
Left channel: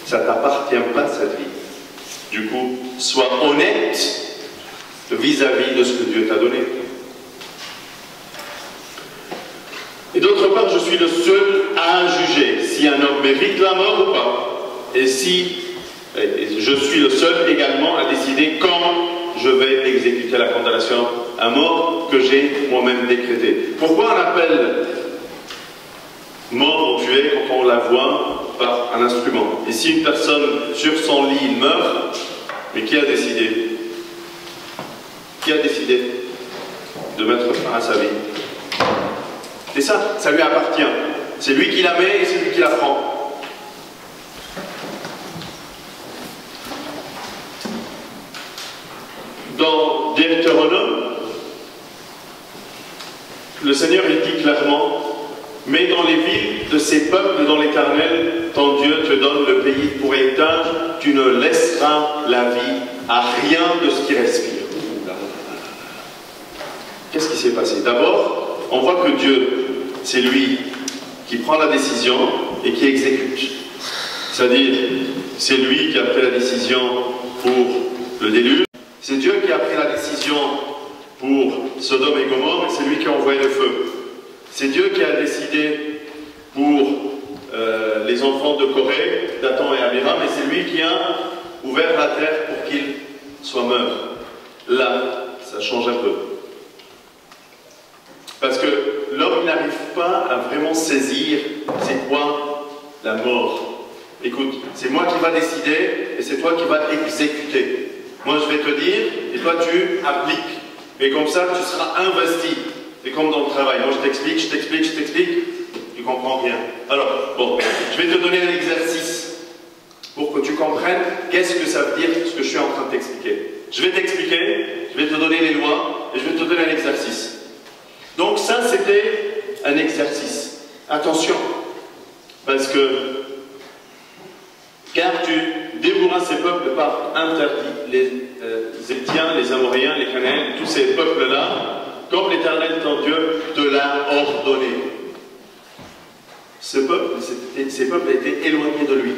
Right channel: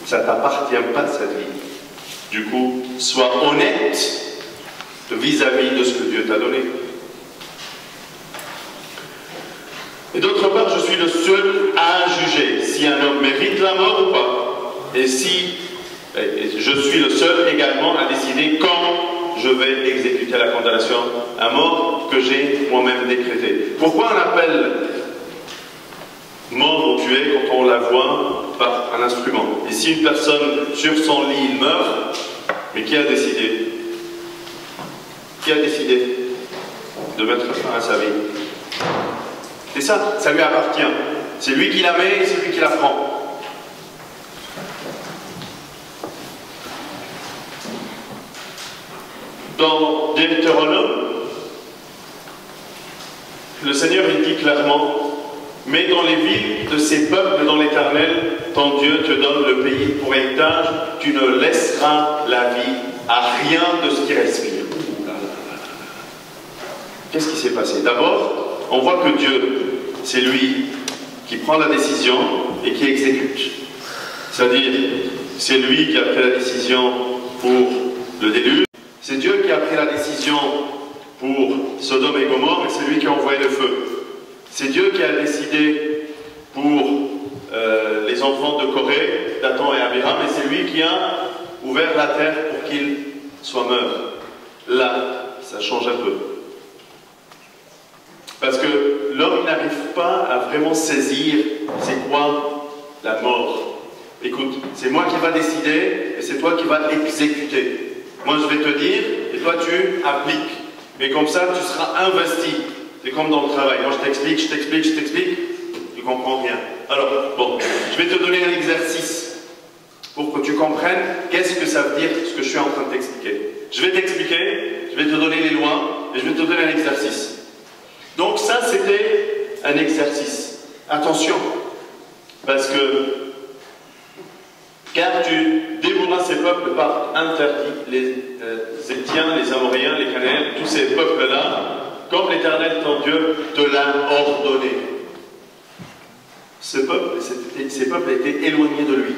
Ça ne t'appartient pas cette vie. Du coup, sois honnête vis-à-vis de ce que Dieu t'a donné. Et d'autre part, je suis le seul à juger si un homme mérite la mort ou pas. Et je suis le seul également à décider quand je vais exécuter la condamnation à mort que j'ai moi-même décrétée. Pourquoi on appelle mort ou tué quand on la voit par un instrument? Et si une personne sur son lit meurt, mais qui a décidé? Qui a décidé de mettre fin à sa vie? C'est ça, ça lui appartient. C'est lui qui la met et c'est lui qui la prend. Dans Deutéronome, le Seigneur il dit clairement, mais dans les villes de ces peuples dont l'Éternel, ton Dieu, te donne le pays pour héritage, tu ne laisseras la vie à rien de ce qui respire. Qu'est-ce qui s'est passé? D'abord, on voit que Dieu, c'est lui qui prend la décision et qui exécute. C'est-à-dire, c'est lui qui a pris la décision pour le déluge, C'est Dieu qui a pris la décision pour Sodome et Gomorrhe, et c'est lui qui a envoyé le feu. C'est Dieu qui a décidé pour les enfants de Corée, Dathan et Abiram, et c'est lui qui a ouvert la terre pour qu'ils soient morts. Là, ça change un peu. Parce que l'homme n'arrive pas à vraiment saisir c'est quoi la mort. Écoute, c'est moi qui va décider et c'est toi qui vas exécuter. Moi je vais te dire et toi tu appliques. Mais comme ça tu seras investi. C'est comme dans le travail. Moi je t'explique, tu comprends rien. Alors, bon, je vais te donner un exercice pour que tu comprennes qu'est-ce que ça veut dire ce que je suis en train de t'expliquer. Je vais t'expliquer, je vais te donner les lois et je vais te donner un exercice. Donc ça, c'était un exercice. Attention, parce que car tu dévoreras ces peuples par interdit, les Héthiens, les Amoréens, les Cananéens, tous ces peuples-là, comme l'Éternel ton Dieu te l'a ordonné. Ces peuples étaient éloignés de lui.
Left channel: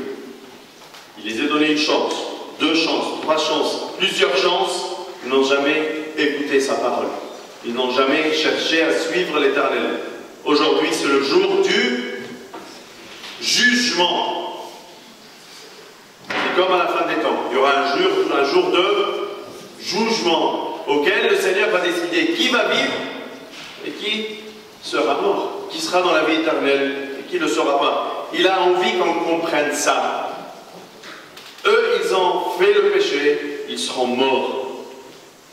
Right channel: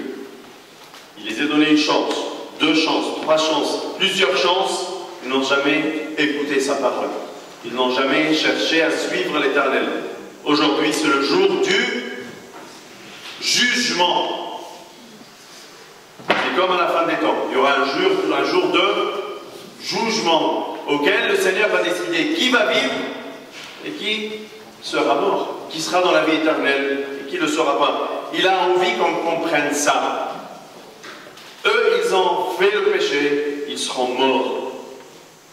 Il les a donné une chance, 2 chances, 3 chances, plusieurs chances. Ils n'ont jamais écouté sa parole. Ils n'ont jamais cherché à suivre l'Éternel. Aujourd'hui, c'est le jour du jugement. C'est comme à la fin des temps. Il y aura un jour de jugement auquel le Seigneur va décider qui va vivre et qui sera mort, qui sera dans la vie éternelle et qui ne le sera pas. Il a envie qu'on comprenne ça. Eux, ils ont fait le péché, ils seront morts.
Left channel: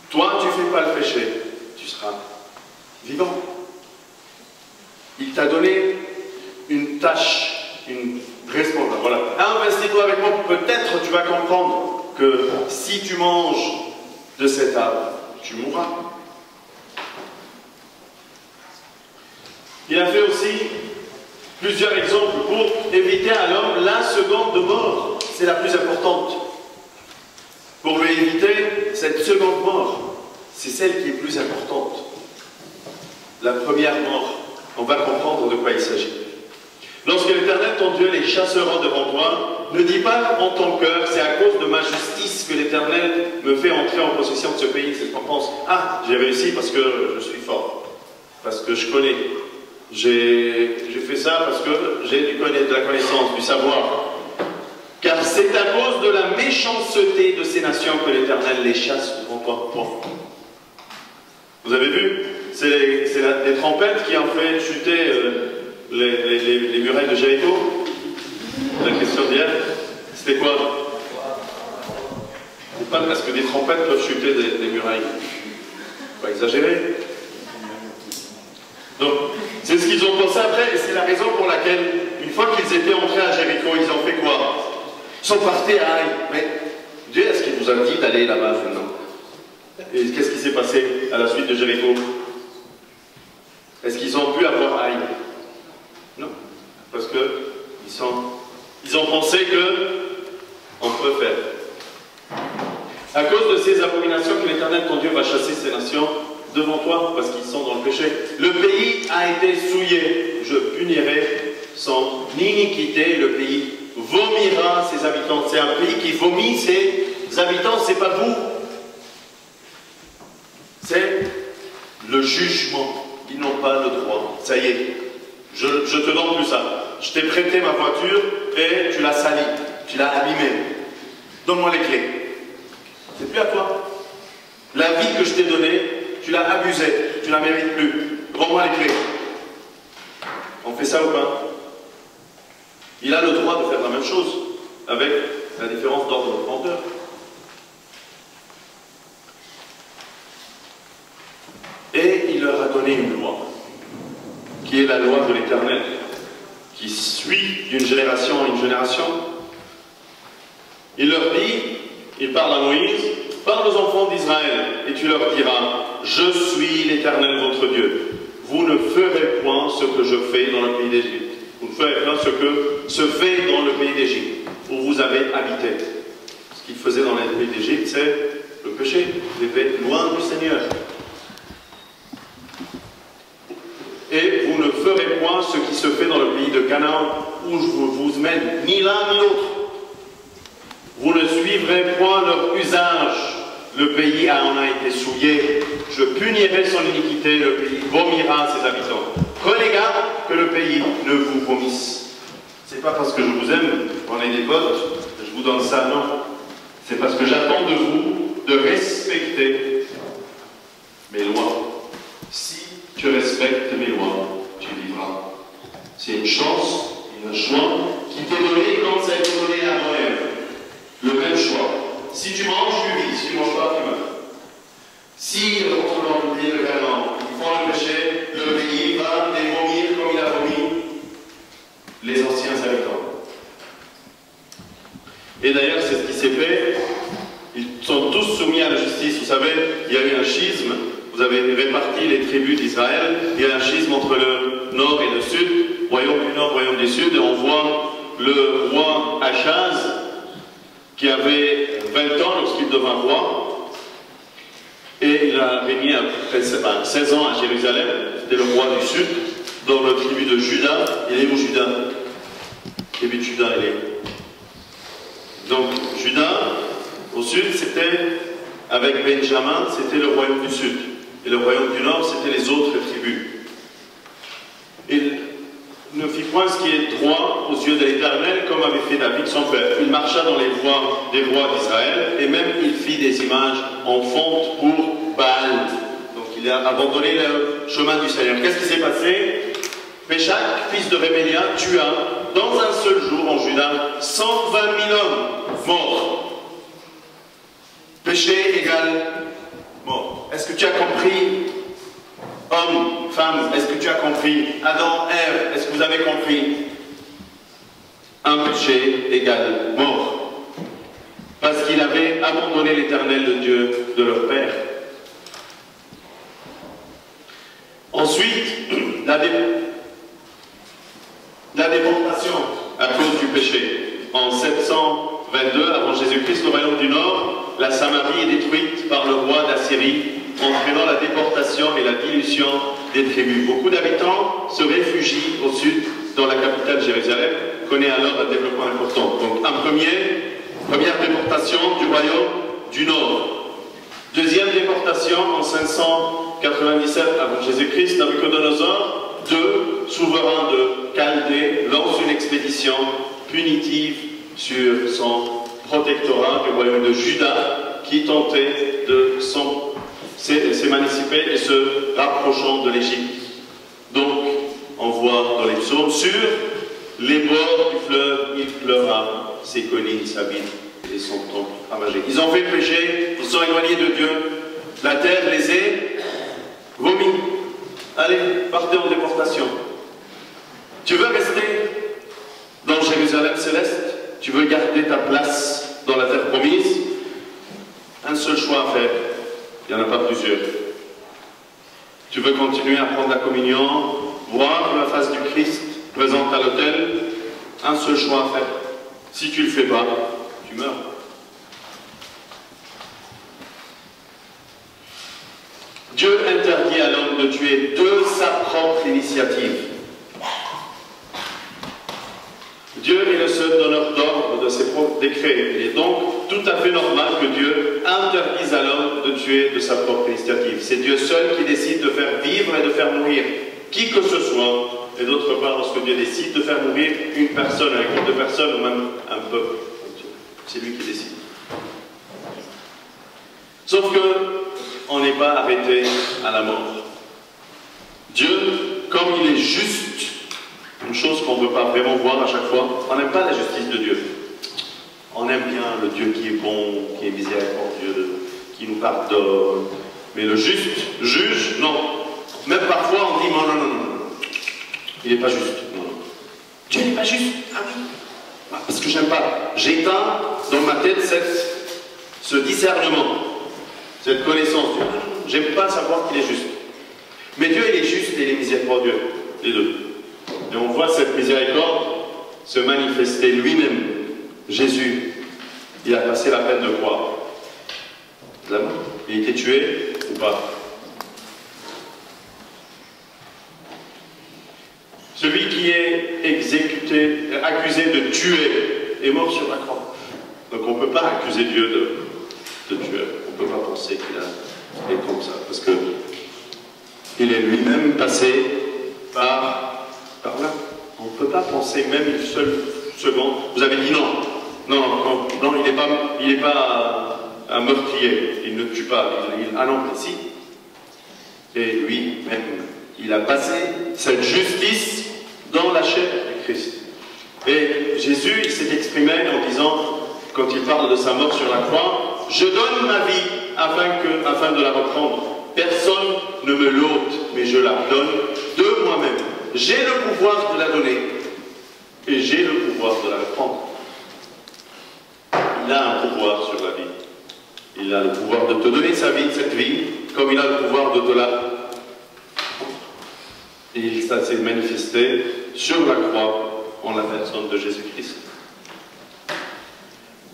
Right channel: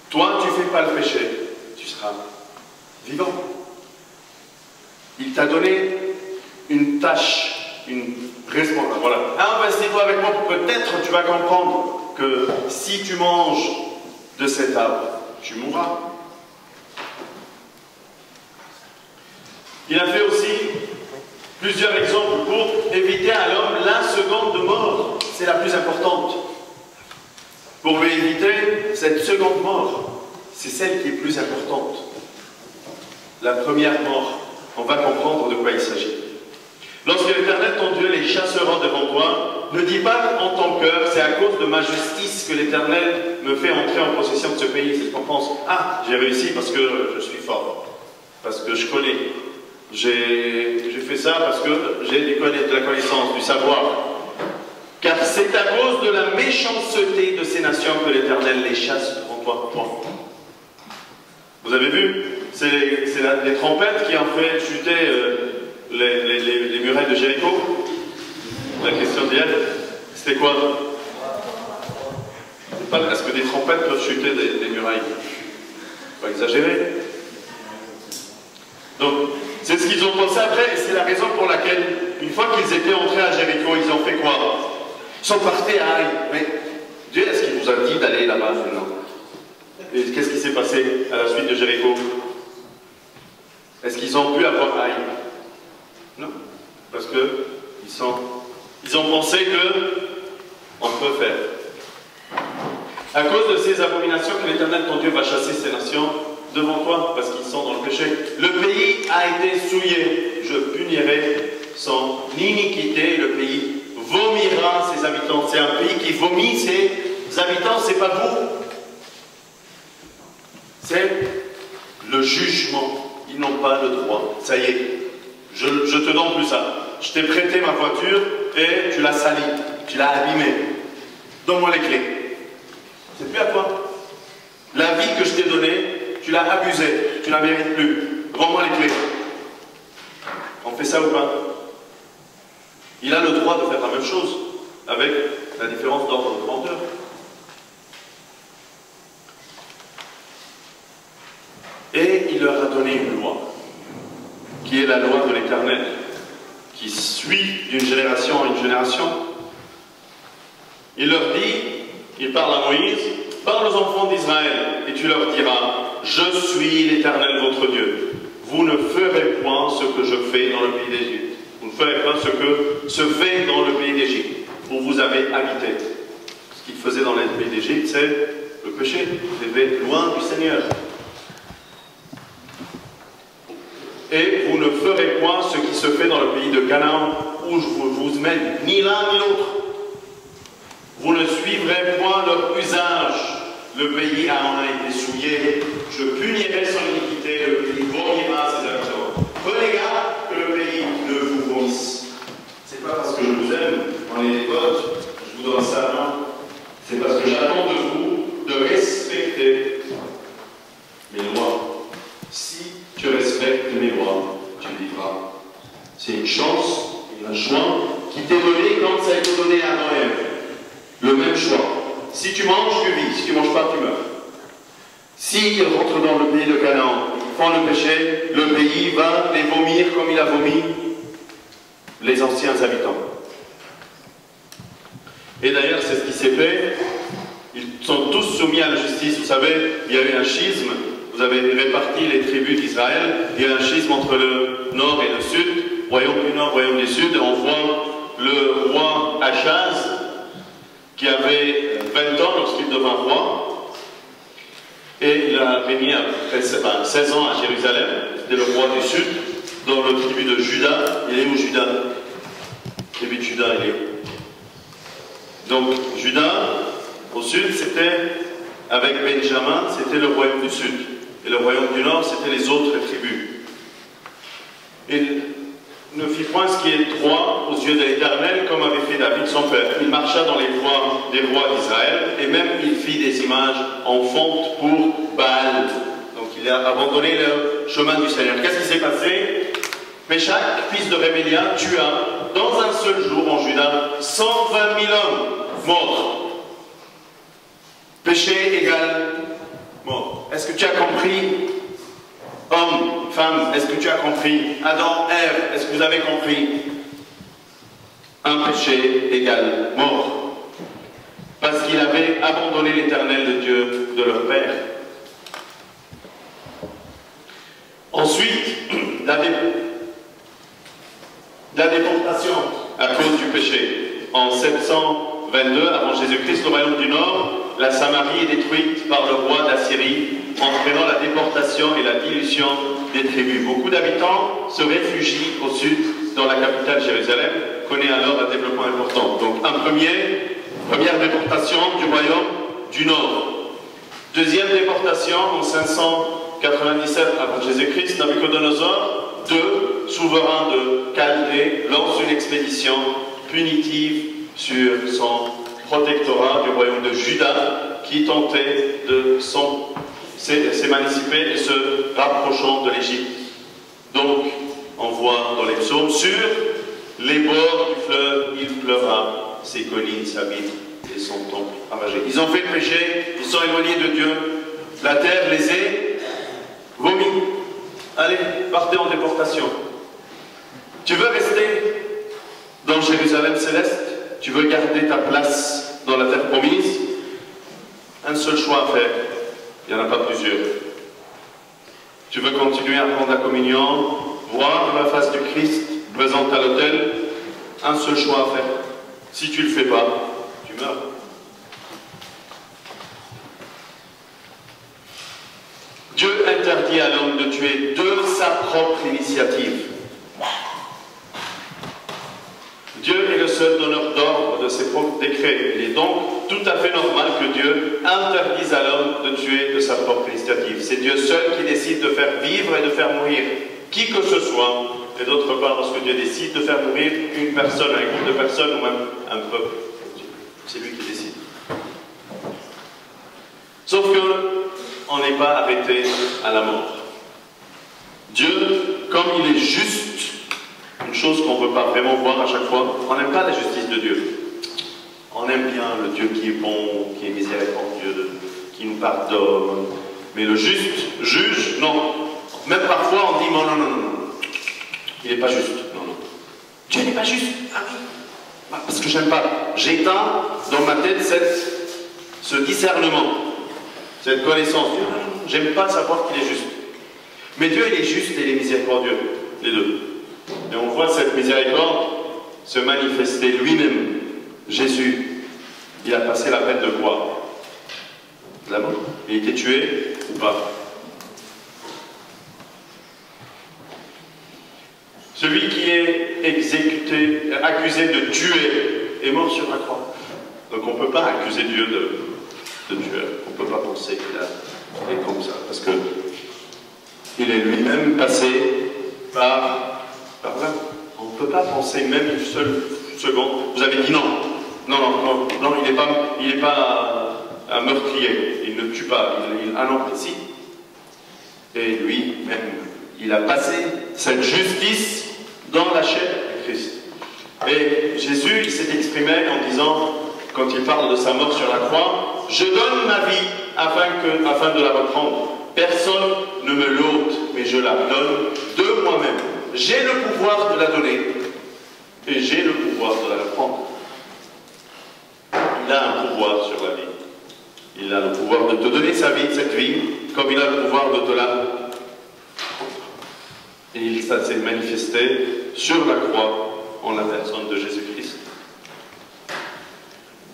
Toi, tu ne fais pas le péché. Tu seras vivant. Il t'a donné une tâche, une responsabilité. Voilà. Investis-toi avec moi, peut-être tu vas comprendre que si tu manges de cet arbre, tu mourras. Il a fait aussi plusieurs exemples pour éviter à l'homme la seconde mort. C'est la plus importante. Pour lui éviter cette seconde mort. C'est celle qui est plus importante. La première mort, on va comprendre de quoi il s'agit. Lorsque l'Éternel, ton Dieu, les chassera devant toi, ne dis pas en ton cœur, c'est à cause de ma justice que l'Éternel me fait entrer en possession de ce pays. C'est ce qu'on pense. Ah, j'ai réussi parce que je suis fort, parce que je connais. J'ai fait ça parce que j'ai de la connaissance, du savoir. Car c'est à cause de la méchanceté de ces nations que l'Éternel les chasse devant toi. Bon. Vous avez vu, c'est les trompettes qui ont fait chuter les murailles de Jéricho. La question d'hier, c'était quoi? Est-ce que des trompettes peuvent chuter des murailles? Pas exagérer. Donc, c'est ce qu'ils ont pensé après, et c'est la raison pour laquelle, une fois qu'ils étaient entrés à Jéricho, ils ont fait quoi? Ils sont partis à Haï. Mais Dieu, est-ce qu'il vous a dit d'aller là-bas maintenant? Et qu'est-ce qui s'est passé à la suite de Jéricho? Est-ce qu'ils ont pu avoir Haï? Non. Parce que ils ont pensé qu'on peut faire. À cause de ces abominations que l'Éternel, ton Dieu, va chasser ces nations devant toi, parce qu'ils sont dans le péché. Le pays a été souillé. Je punirai son iniquité. Le pays vomira ses habitants. C'est un pays qui vomit ses habitants, c'est pas vous. C'est le jugement. Ils n'ont pas le droit. Ça y est. Je te donne plus ça. Je t'ai prêté ma voiture et tu l'as salie. Tu l'as abîmée. Donne-moi les clés. C'est plus à toi. La vie que je t'ai donnée, tu l'as abusée. Tu ne la mérites plus. Rends-moi les clés. On fait ça ou pas? Il a le droit de faire la même chose, avec la différence d'ordre de grandeur. Et il leur a donné une loi, qui est la loi de l'Éternel, qui suit d'une génération à une génération. Il leur dit, il parle à Moïse, parle aux enfants d'Israël, et tu leur diras, je suis l'Éternel votre Dieu. Vous ne ferez point ce que je fais dans le pays d'Égypte. Vous ne ferez point ce que se fait dans le pays d'Égypte, où vous avez habité. Ce qu'il faisait dans le pays d'Égypte, c'est le péché. Vous étiez loin du Seigneur. Et vous ne ferez point ce qui se fait dans le pays de Canaan, où je vous mène, ni l'un ni l'autre. Vous ne suivrez point leur usage, le pays en a été souillé, je punirai son iniquité, le pays vomira ses habitants. Prenez garde que le pays ne vous vomisse. C'est pas parce que je vous aime, on est des potes, je vous donne ça, non. C'est parce que j'attends de vous de respecter mes lois. Si tu respectes mes lois, tu vivras. C'est une chance, une joie qui t'est donnée comme ça a été donné à Noël. Le même choix. Si tu manges, tu vis. Si tu ne manges pas, tu meurs. S'ils rentrent dans le pays de Canaan, ils font le péché, le pays va les vomir comme il a vomi les anciens habitants. Et d'ailleurs, c'est ce qui s'est fait. Ils sont tous soumis à la justice. Vous savez, il y a eu un schisme. Vous avez réparti les tribus d'Israël. Il y a un schisme entre le nord et le sud, royaume du nord, royaume du sud. Et on voit le roi Achaz, qui avait 20 ans lorsqu'il devint roi. Et il a régné à peu près 16 ans à Jérusalem. C'était le roi du sud, dans le tribu de Juda. Il est où Juda? Le tribu de Juda, il est où? Donc, Juda, au sud, c'était, avec Benjamin, c'était le royaume du sud. Et le royaume du nord, c'était les autres tribus. Il ne fit point ce qui est droit aux yeux de l'Éternel, comme avait fait David son père. Il marcha dans les voies des rois d'Israël, et même il fit des images en fonte pour Baal. Donc il a abandonné le chemin du Seigneur. Qu'est-ce qui s'est passé? Péchak, fils de Rémélia, tua dans un seul jour en Juda 120 000 hommes morts. Péché égale mort. Est-ce que tu as compris? Homme, femme, est-ce que tu as compris? Adam, Ève, est-ce que vous avez compris? Un péché égale mort. Parce qu'ils avaient abandonné l'Éternel, le Dieu de leur père. Ensuite, la déportation à cause du péché. En 722, avant Jésus-Christ, le royaume du Nord, la Samarie est détruite par le roi d'Assyrie, entraînant la déportation et la dilution des tribus. Beaucoup d'habitants se réfugient au sud, dans la capitale Jérusalem, connaît alors un développement important. Donc, première déportation du royaume du Nord. Deuxième déportation en 597 avant Jésus-Christ, Nabuchodonosor, souverain de Chaldée, lance une expédition punitive sur son protectorat du royaume de Juda, qui tentait de s'émanciper et se rapprochant de l'Égypte. Donc, on voit dans les psaumes, sur les bords du fleuve, il pleura, ses collines s'abîment et son temple ravagé. Ils ont fait le péché, ils sont éloignés de Dieu, la terre les est vomis. Allez, partez en déportation. Tu veux rester dans Jérusalem céleste? Tu veux garder ta place dans la terre promise? Un seul choix à faire. Il n'y en a pas plusieurs. Tu veux continuer à prendre la communion, voir la face du Christ présente à l'autel? Un seul choix à faire. Si tu ne le fais pas, tu meurs. Dieu interdit à l'homme de tuer de sa propre initiative. Dieu est le seul donneur d'ordre de ses propres décrets. Il est donc tout à fait normal que Dieu interdise à l'homme de tuer de sa propre initiative. C'est Dieu seul qui décide de faire vivre et de faire mourir qui que ce soit. Et d'autre part, lorsque Dieu décide de faire mourir une personne, un groupe de personnes ou même un peuple, c'est lui qui décide. Sauf que on n'est pas arrêté à la mort. Dieu, comme il est juste, une chose qu'on ne veut pas vraiment voir à chaque fois, on n'aime pas la justice de Dieu. On aime bien le Dieu qui est bon, qui est miséricordieux, qui nous pardonne. Mais le juste juge, non. Même parfois on dit non, non, non, non. Il n'est pas juste. Non, non. Dieu n'est pas juste. Ah oui. Parce que j'aime pas. J'éteins dans ma tête ce discernement, cette connaissance. J'aime pas savoir qu'il est juste. Mais Dieu, il est juste et il est miséricordieux. Les deux. Et on voit cette miséricorde se manifester lui-même. Jésus, il a passé la peine de croix. Il a été tué ou pas? Celui qui est accusé de tuer, est mort sur la croix. Donc on ne peut pas accuser Dieu de tueur. On ne peut pas penser qu'il est comme ça, parce que il est lui-même passé par là. On ne peut pas penser même une seule seconde. Vous avez dit non. Non, il n'est pas un meurtrier. Il ne tue pas. Ah non, mais si. Et lui-même, il a passé cette justice dans la chair du Christ. Et Jésus, il s'est exprimé en disant, quand il parle de sa mort sur la croix, « Je donne ma vie afin de la reprendre. Personne ne me l'ôte, mais je la donne de moi-même. J'ai le pouvoir de la donner et j'ai le pouvoir de la reprendre. » Il a un pouvoir sur la vie. Il a le pouvoir de te donner sa vie, cette vie, comme il a le pouvoir de te la... Et ça s'est manifesté sur la croix en la personne de Jésus-Christ.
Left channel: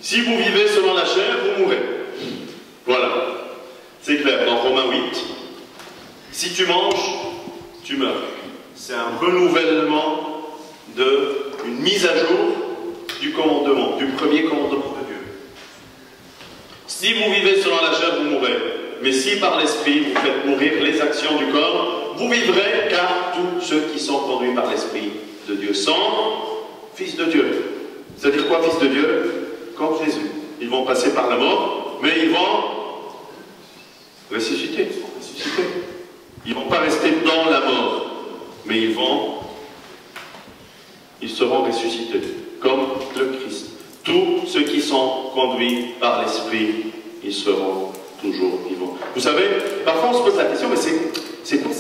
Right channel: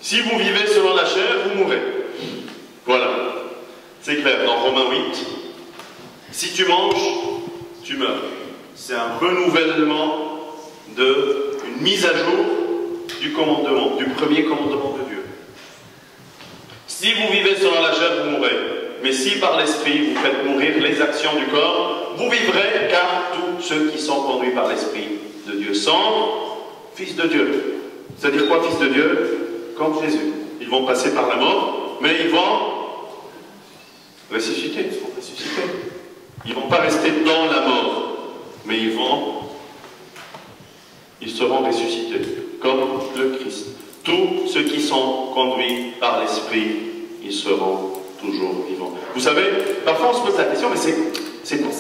Si vous vivez selon la chair, vous mourrez. Voilà. C'est clair, dans Romains 8, si tu manges, tu meurs. C'est un renouvellement une mise à jour du commandement, du premier commandement de Dieu. Si vous vivez selon la chair, vous mourrez. Mais si par l'Esprit vous faites mourir les actions du corps, vous vivrez, car tous ceux qui sont conduits par l'Esprit de Dieu sont fils de Dieu. C'est-à-dire quoi, fils de Dieu? Comme Jésus. Ils vont passer par la mort, mais ils vont ressusciter. Ils vont ressusciter. Ils ne vont pas rester dans la mort, mais ils seront ressuscités, comme le Christ. Tous ceux qui sont conduits par l'Esprit, ils seront toujours vivants. Vous savez, parfois on se pose la question, mais c'est quoi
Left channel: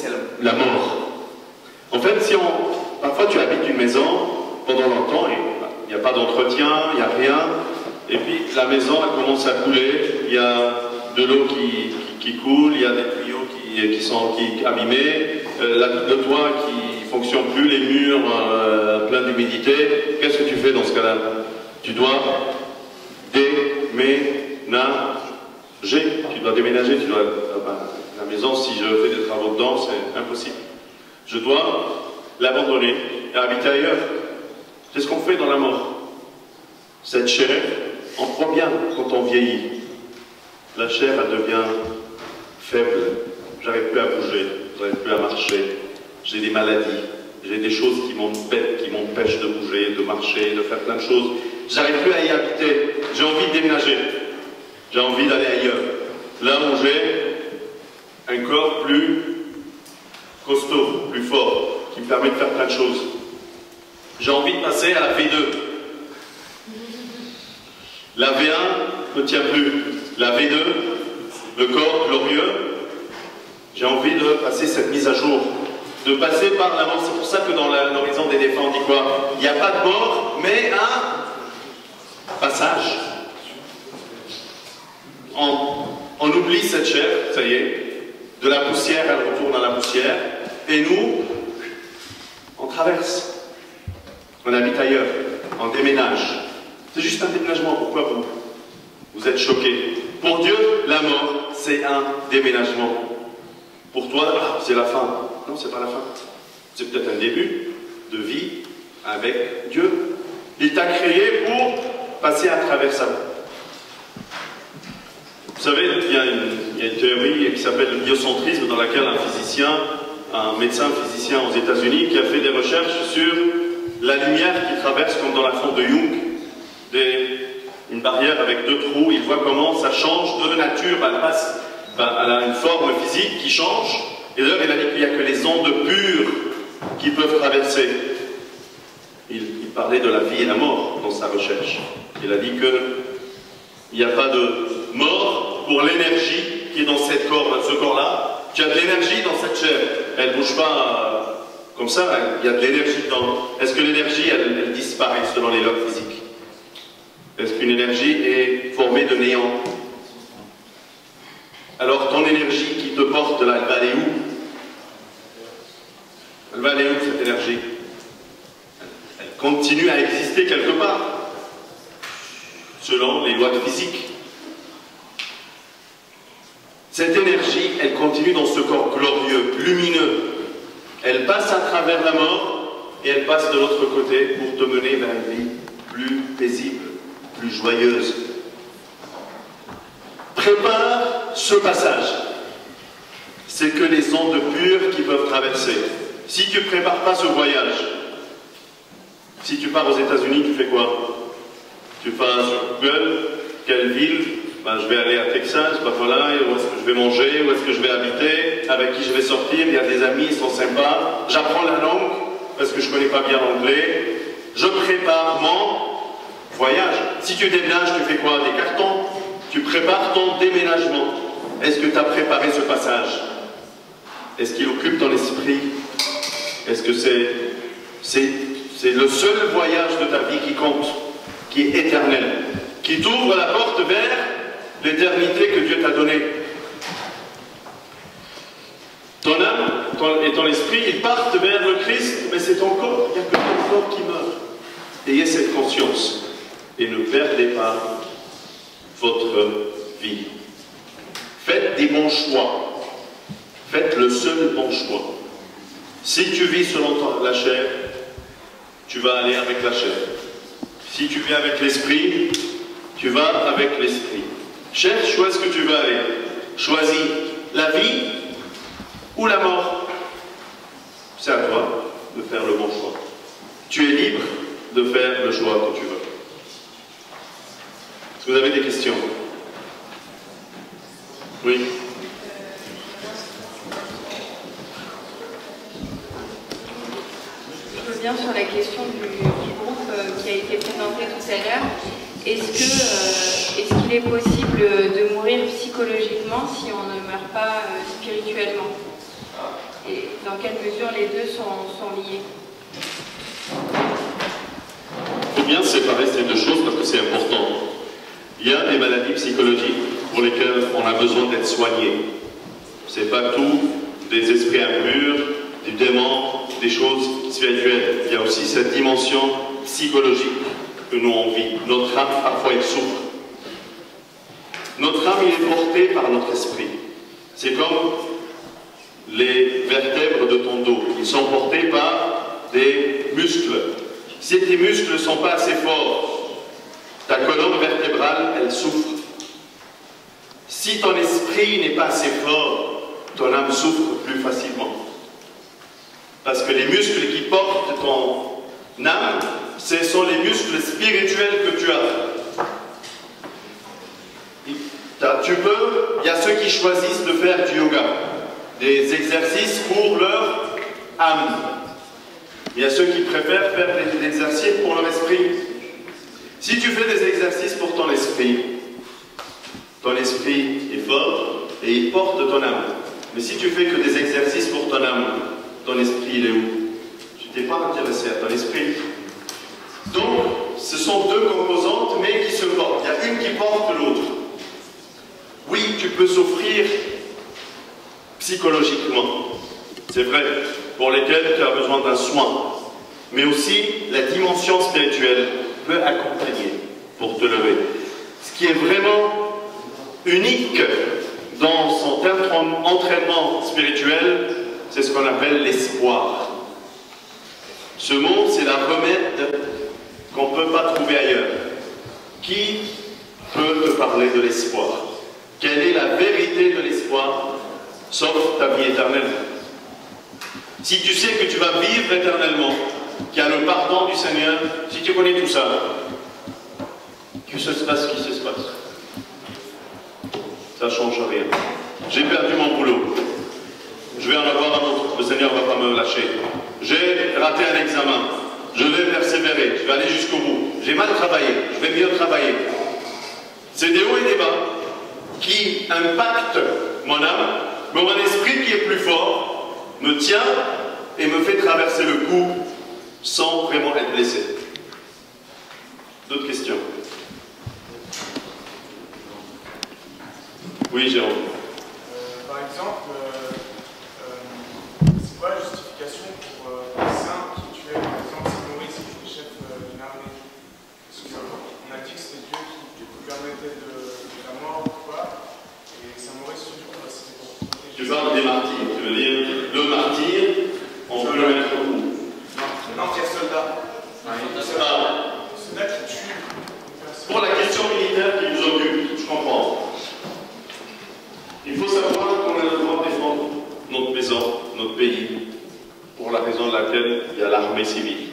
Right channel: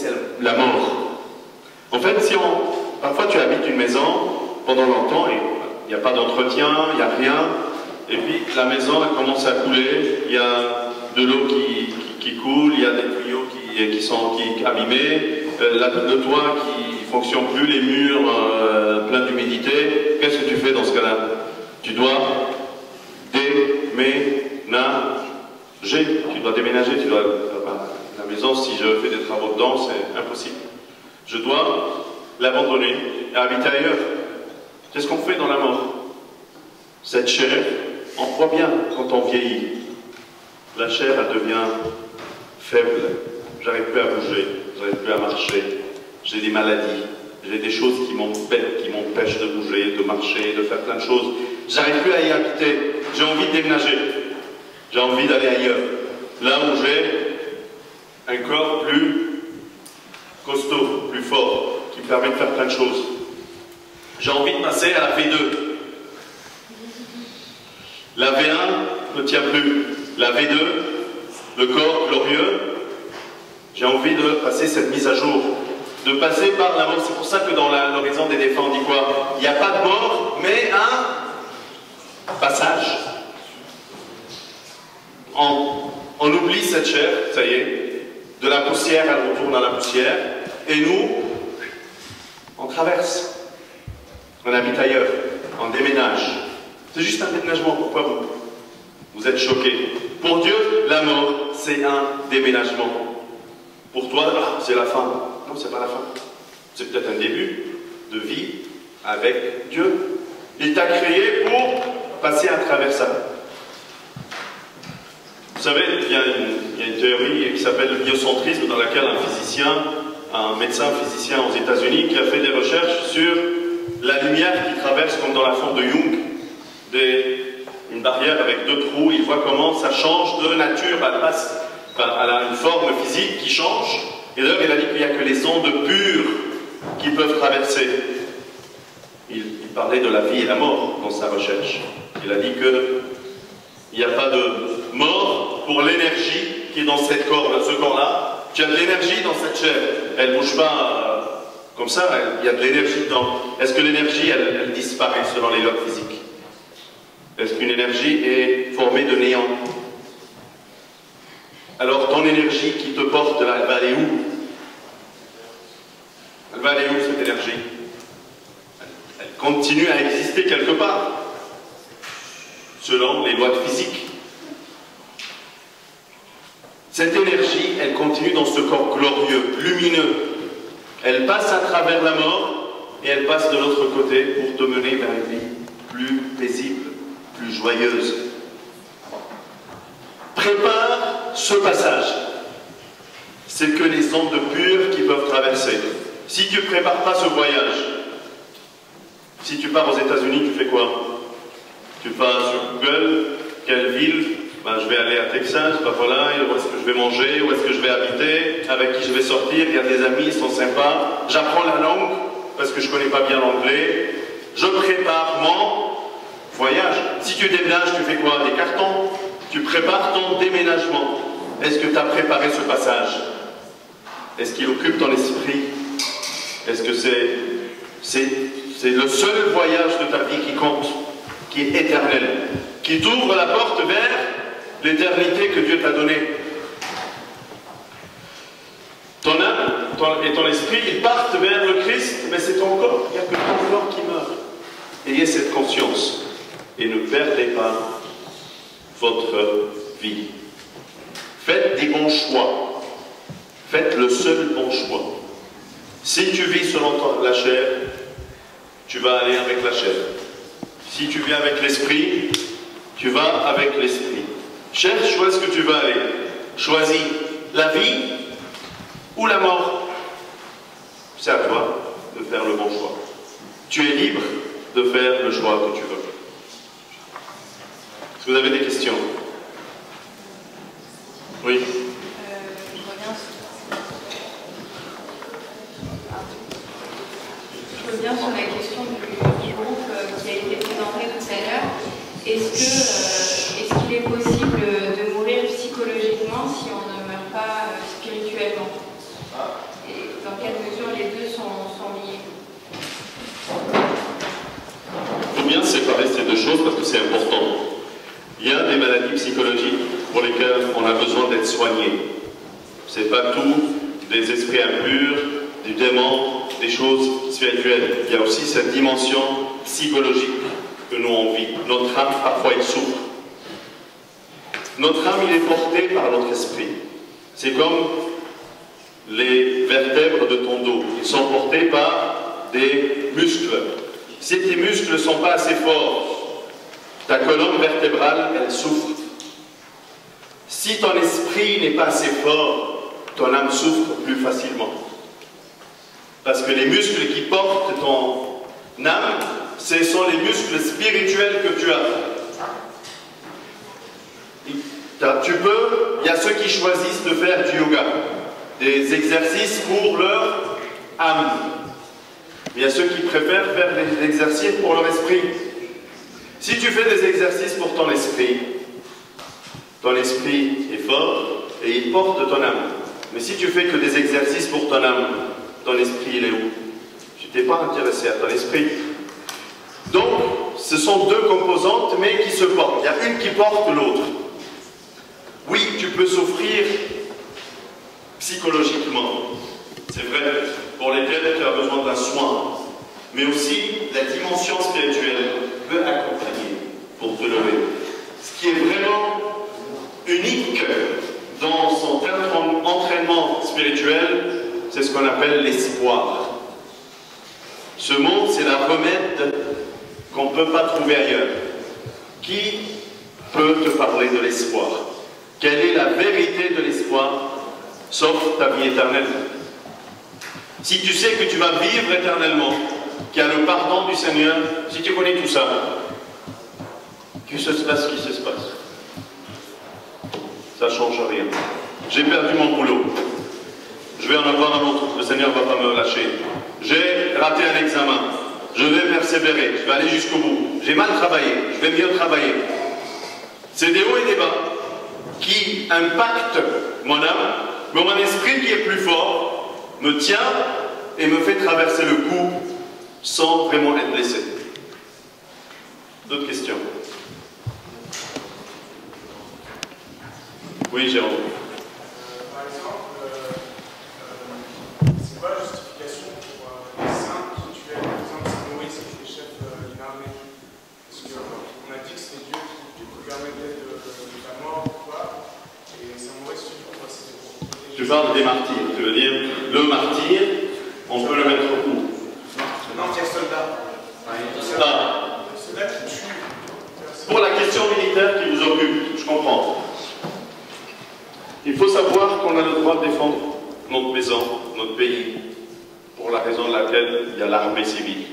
la mort? En fait, parfois tu habites une maison pendant longtemps et il n'y a pas d'entretien, il n'y a rien, et puis la maison elle commence à couler, il y a de l'eau qui coule, il y a des tuyaux qui sont abîmés, le toit qui ne fonctionne plus, les murs pleins d'humidité. Qu'est-ce que tu fais dans ce cas-là? Tu dois déménager, la maison, si je fais des travaux dedans, c'est impossible. Je dois l'abandonner et habiter ailleurs. C'est ce qu'on fait dans la mort. Cette chair, on voit bien quand on vieillit. La chair, elle devient faible. J'arrive plus à bouger, j'arrive plus à marcher. J'ai des maladies, j'ai des choses qui m'empêchent de bouger, de marcher, de faire plein de choses. J'arrive plus à y habiter. J'ai envie de déménager. J'ai envie d'aller ailleurs. Là où j'ai un corps plus costaud, plus fort, qui me permet de faire plein de choses. J'ai envie de passer à la V2. La V1 ne tient plus. La V2, le corps glorieux, j'ai envie de passer cette mise à jour, de passer par la mort. C'est pour ça que dans l'horizon des défunts, on dit quoi? Il n'y a pas de mort, mais un passage. On oublie cette chair, ça y est, de la poussière, elle retourne à la poussière, et nous, on traverse. On habite ailleurs, on déménage. C'est juste un déménagement. Pourquoi vous êtes choqués? Pour Dieu, la mort, c'est un déménagement. Pour toi, c'est la fin. Non, c'est pas la fin. C'est peut-être un début de vie avec Dieu. Il t'a créé pour passer à travers ça. Vous savez, il y a une théorie qui s'appelle le biocentrisme, dans laquelle un médecin physicien aux États-Unis, qui a fait des recherches sur la lumière qui traverse, comme dans la fonte de Jung, une barrière avec deux trous. Il voit comment ça change de nature, elle a une forme physique qui change. Et d'ailleurs, il a dit qu'il n'y a que les ondes pures qui peuvent traverser. Il parlait de la vie et la mort dans sa recherche. Il a dit qu'il n'y a pas de mort pour l'énergie qui est dans ce corps-là. Tu as de l'énergie dans cette chair. Elle ne bouge pas comme ça, il y a de l'énergie dedans. Est-ce que l'énergie, elle disparaît selon les lois physiques? Est-ce qu'une énergie est formée de néant? Alors ton énergie qui te porte là, elle va aller où? Elle va aller où, cette énergie? Elle continue à exister quelque part, selon les lois de physique. Cette énergie, elle continue dans ce corps glorieux, lumineux. Elle passe à travers la mort et elle passe de l'autre côté pour te mener vers une vie plus paisible, plus joyeuse. Prépare ce passage. C'est que les ondes pures qui peuvent traverser. Si tu ne prépares pas ce voyage, si tu pars aux États-Unis, tu fais quoi? Tu vas sur Google, quelle ville? Ben, je vais aller à Texas, ben voilà, où est-ce que je vais manger, où est-ce que je vais habiter, avec qui je vais sortir, il y a des amis, ils sont sympas, j'apprends la langue, parce que je ne connais pas bien l'anglais, je prépare mon voyage. Si tu déménages, tu fais quoi? Des cartons. Tu prépares ton déménagement. Est-ce que tu as préparé ce passage? Est-ce qu'il occupe ton esprit? Est-ce que c'est le seul voyage de ta vie qui compte, qui est éternel, qui t'ouvre la porte vers l'éternité que Dieu t'a donnée? Ton âme et ton esprit, ils partent vers le Christ, mais c'est ton corps, il n'y a que ton corps qui meurt. Ayez cette conscience et ne perdez pas votre vie. Faites des bons choix. Faites le seul bon choix. Si tu vis selon la chair, tu vas aller avec la chair. Si tu viens avec l'esprit, tu vas avec l'esprit. Cherche où est-ce que tu veux aller. Choisis la vie ou la mort. C'est à toi de faire le bon choix. Tu es libre de faire le choix que tu veux. Est-ce que vous avez des questions? Oui. Je reviens sur la question du groupe qui a été présenté tout à l'heure. Est-ce qu'il est possible de mourir psychologiquement si on ne meurt pas spirituellement? Et dans quelle mesure les deux sont liés? Il faut bien séparer ces deux choses parce que c'est important. Il y a des maladies psychologiques pour lesquelles on a besoin d'être soigné. C'est pas tout des esprits impurs, du démon, des choses spirituelles. Il y a aussi cette dimension psychologique que nous on vit. Notre âme, parfois, il souffre. Notre âme, il est porté par notre esprit. C'est comme les vertèbres de ton dos. Ils sont portés par des muscles. Si tes muscles ne sont pas assez forts, ta colonne vertébrale, elle souffre. Si ton esprit n'est pas assez fort, ton âme souffre plus facilement. Parce que les muscles qui portent ton âme, ce sont les muscles spirituels que tu as. Il y a ceux qui choisissent de faire du yoga, des exercices pour leur âme. Il y a ceux qui préfèrent faire des exercices pour leur esprit. Si tu fais des exercices pour ton esprit est fort et il porte ton âme. Mais si tu fais que des exercices pour ton âme, ton esprit il est où? Tu t'es pas intéressé à ton esprit. Donc, ce sont deux composantes, mais qui se portent. Il y a une qui porte l'autre. Oui, tu peux souffrir psychologiquement. C'est vrai, pour lesquels tu as besoin d'un soin. Mais aussi, la dimension spirituelle peut accompagner pour te lever. Ce qui est vraiment unique dans son entraînement spirituel, c'est ce qu'on appelle l'espoir. Ce mot, c'est la remède qu'on ne peut pas trouver ailleurs. Qui peut te parler de l'espoir? Quelle est la vérité de l'espoir, sauf ta vie éternelle? Si tu sais que tu vas vivre éternellement, qu'il y a le pardon du Seigneur, si tu connais tout ça, que se passe ce qui se passe. Ça ne change rien. J'ai perdu mon boulot. Je vais en avoir un autre. Le Seigneur ne va pas me lâcher. J'ai raté un examen. Je vais persévérer. Je vais aller jusqu'au bout. J'ai mal travaillé. Je vais mieux travailler. C'est des hauts et des bas qui impactent mon âme, mais mon esprit qui est plus fort me tient et me fait traverser le coup sans vraiment être blessé. D'autres questions? Oui, Jérôme. Par exemple, c'est quoi la justification pour les saints qui tuaient, par exemple, Saint Maurice, qui était chef d'une armée? Parce qu'on a dit que c'était Dieu qui permettait de la mort ou pas, et Saint Maurice, c'était pour protéger. Tu parles des martyrs, tu veux dire le martyr, on peut le mettre au cou. Non, qui est soldat. Soldat Soldat qui tue. Pour la question militaire qui vous occupe, je comprends. y a l'armée civile.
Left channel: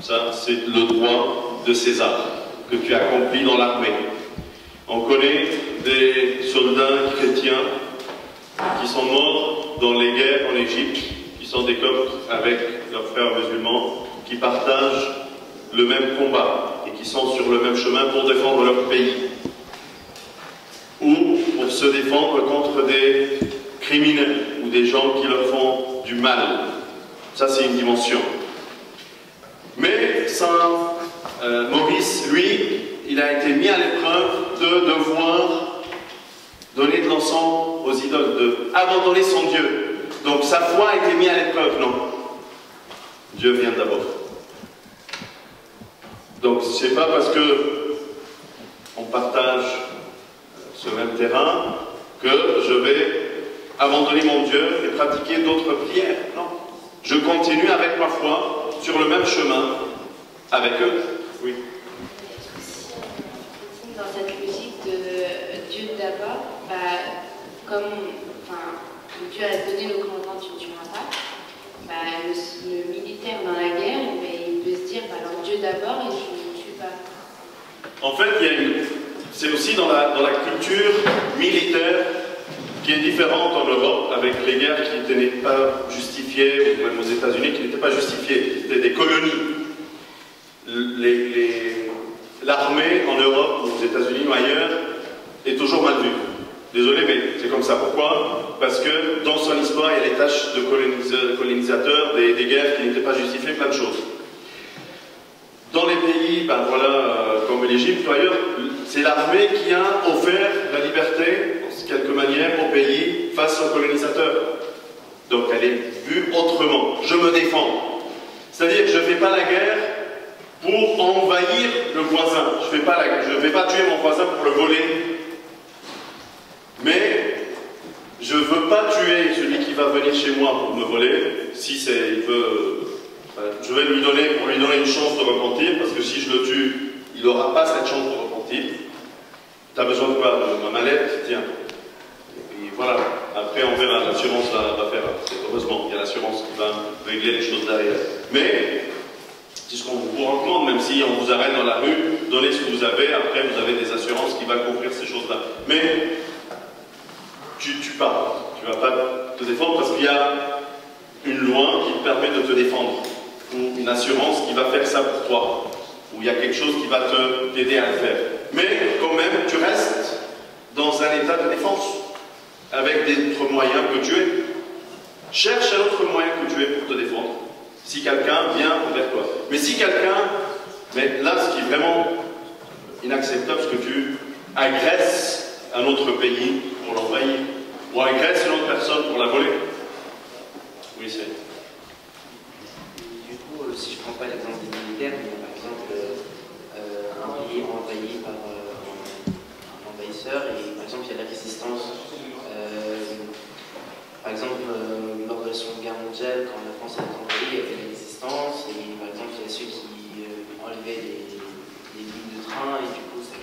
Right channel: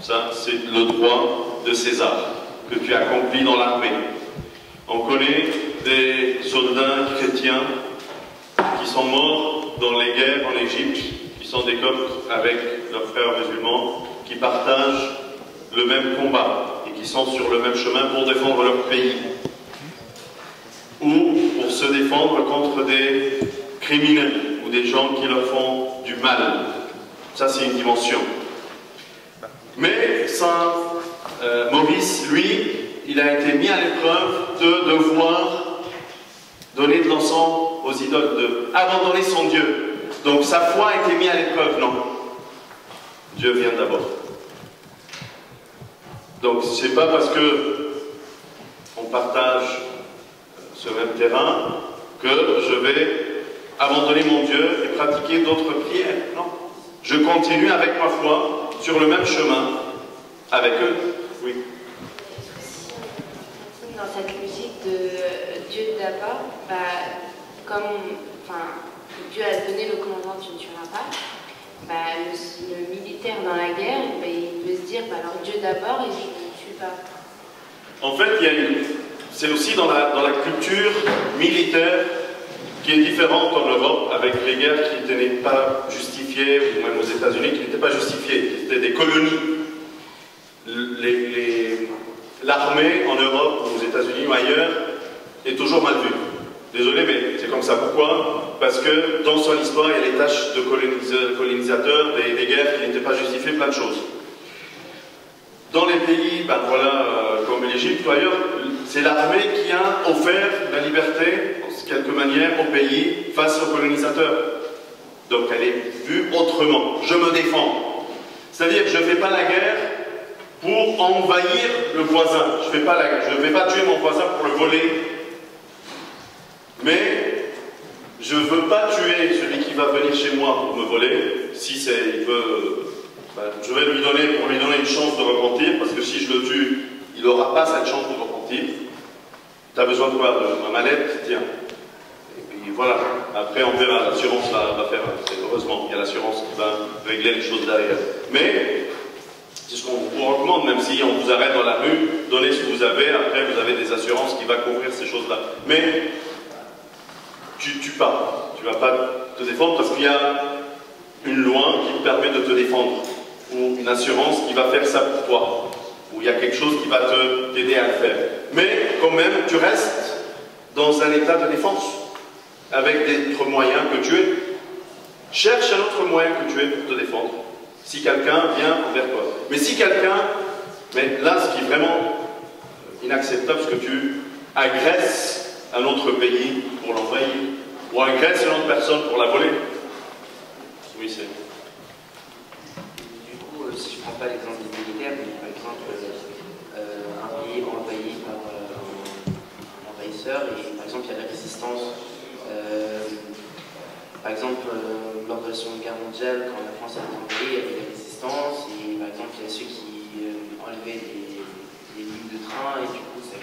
Ça, c'est le droit de César que tu accomplis dans l'armée. On connaît des soldats chrétiens qui sont morts dans les guerres en Égypte, qui sont des Coptes avec leurs frères musulmans, qui partagent le même combat et qui sont sur le même chemin pour défendre leur pays ou pour se défendre contre des criminels ou des gens qui leur font du mal. Ça, c'est une dimension. Mais Saint Maurice, lui, il a été mis à l'épreuve de devoir donner de l'encens aux idoles, d'abandonner son Dieu. Donc sa foi a été mise à l'épreuve, non. Dieu vient d'abord. Donc c'est pas parce que on partage ce même terrain que je vais abandonner mon Dieu et pratiquer d'autres prières. Non. Je continue avec ma foi sur le même chemin avec eux. Oui. Si on continue dans cette logique de Dieu d'abord, comme Dieu a donné le commandement tu ne tueras pas, le militaire dans la guerre, il peut se dire alors Dieu d'abord et je ne tue pas. En fait, c'est aussi dans la culture militaire qui est différente en Europe, avec les guerres qui n'étaient pas justifiées, ou même aux États-Unis qui n'étaient pas justifiées, qui étaient des colonies. L'armée en Europe, ou aux États-Unis ou ailleurs, est toujours mal vue. Désolé, mais c'est comme ça. Pourquoi? Parce que dans son histoire, il y a les tâches de colonisateurs, des guerres qui n'étaient pas justifiées, plein de choses. Dans les pays, comme l'Égypte ou ailleurs, c'est l'armée qui a offert la liberté, de quelque manière, au pays face aux colonisateurs. Donc elle est vue autrement. Je me défends. C'est-à-dire que je ne fais pas la guerre pour envahir le voisin. Je ne vais pas tuer mon voisin pour le voler. Mais je ne veux pas tuer celui qui va venir chez moi pour me voler. Si il veut, je vais lui donner une chance de repentir, parce que si je le tue, il n'aura pas cette chance de repentir. Tu as besoin de quoi? De ma mallette? Tiens. Et puis voilà. Après, on verra. L'assurance va faire. Heureusement, il y a l'assurance qui va régler les choses derrière. Mais c'est ce qu'on vous recommande, même si on vous arrête dans la rue, donnez ce que vous avez. Après, vous avez des assurances qui vont couvrir ces choses-là. Mais tu ne tues pas. Tu ne vas pas te défendre parce qu'il y a une loi qui te permet de te défendre. Ou une assurance qui va faire ça pour toi. Ou il y a quelque chose qui va t'aider à le faire. Mais quand même, tu restes dans un état de défense. Avec d'autres moyens que tu es. Cherche un autre moyen que tu es pour te défendre. Si quelqu'un vient vers toi. Mais si quelqu'un... Mais là, ce qui est vraiment inacceptable, c'est que tu agresses un autre pays pour l'envahir. Ou agresses une autre personne pour la voler. Oui, c'est... Du coup, si je ne prends pas l'exemple des militaires, mais par exemple, un pays envahi par un envahisseur, et par exemple, il y a la résistance. Par exemple, lors de la Seconde Guerre mondiale, quand la France a été envahie, il y avait la résistance, et par exemple, il y a ceux qui enlevaient des lignes de train, et du coup, ça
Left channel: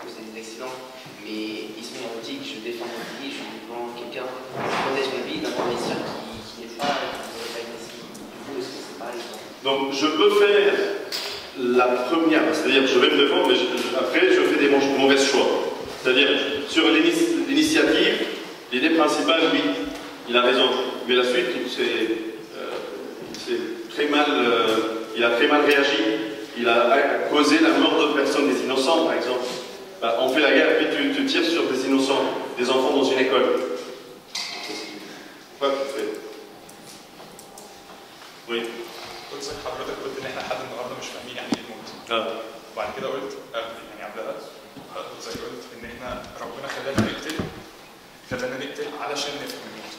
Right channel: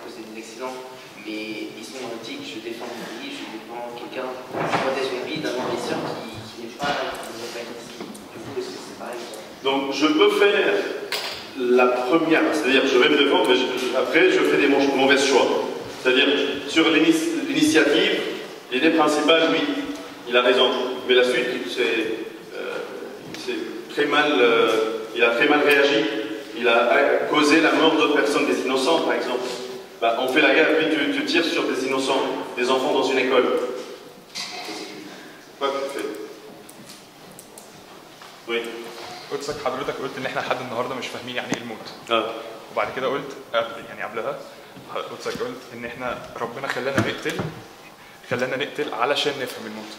causait des accidents. Mais ils sont antiques, je défends mon pays, je défends quelqu'un, je protège mes pays d'un envahisseur qui n'est pas ici. Du coup, est-ce que c'est pareil? Donc, je peux faire la première, c'est-à-dire je vais me défendre, mais après, je fais des mauvais choix. C'est-à-dire, sur l'initiative, l'idée principale, oui, il a raison. Mais la suite, il a très mal réagi. Il a causé la mort d'autres personnes, des innocents, par exemple. On fait la guerre, puis tu tires sur des innocents, des enfants dans une école. Quoi tu fais? Oui. قلت حضرتك قلت ان احنا لحد النهارده مش فاهمين يعني ايه الموت. وبعد كده قلت يعني قبلها حضرتك قلت ان احنا ربنا خلانا نقتل علشان نفهم الموت.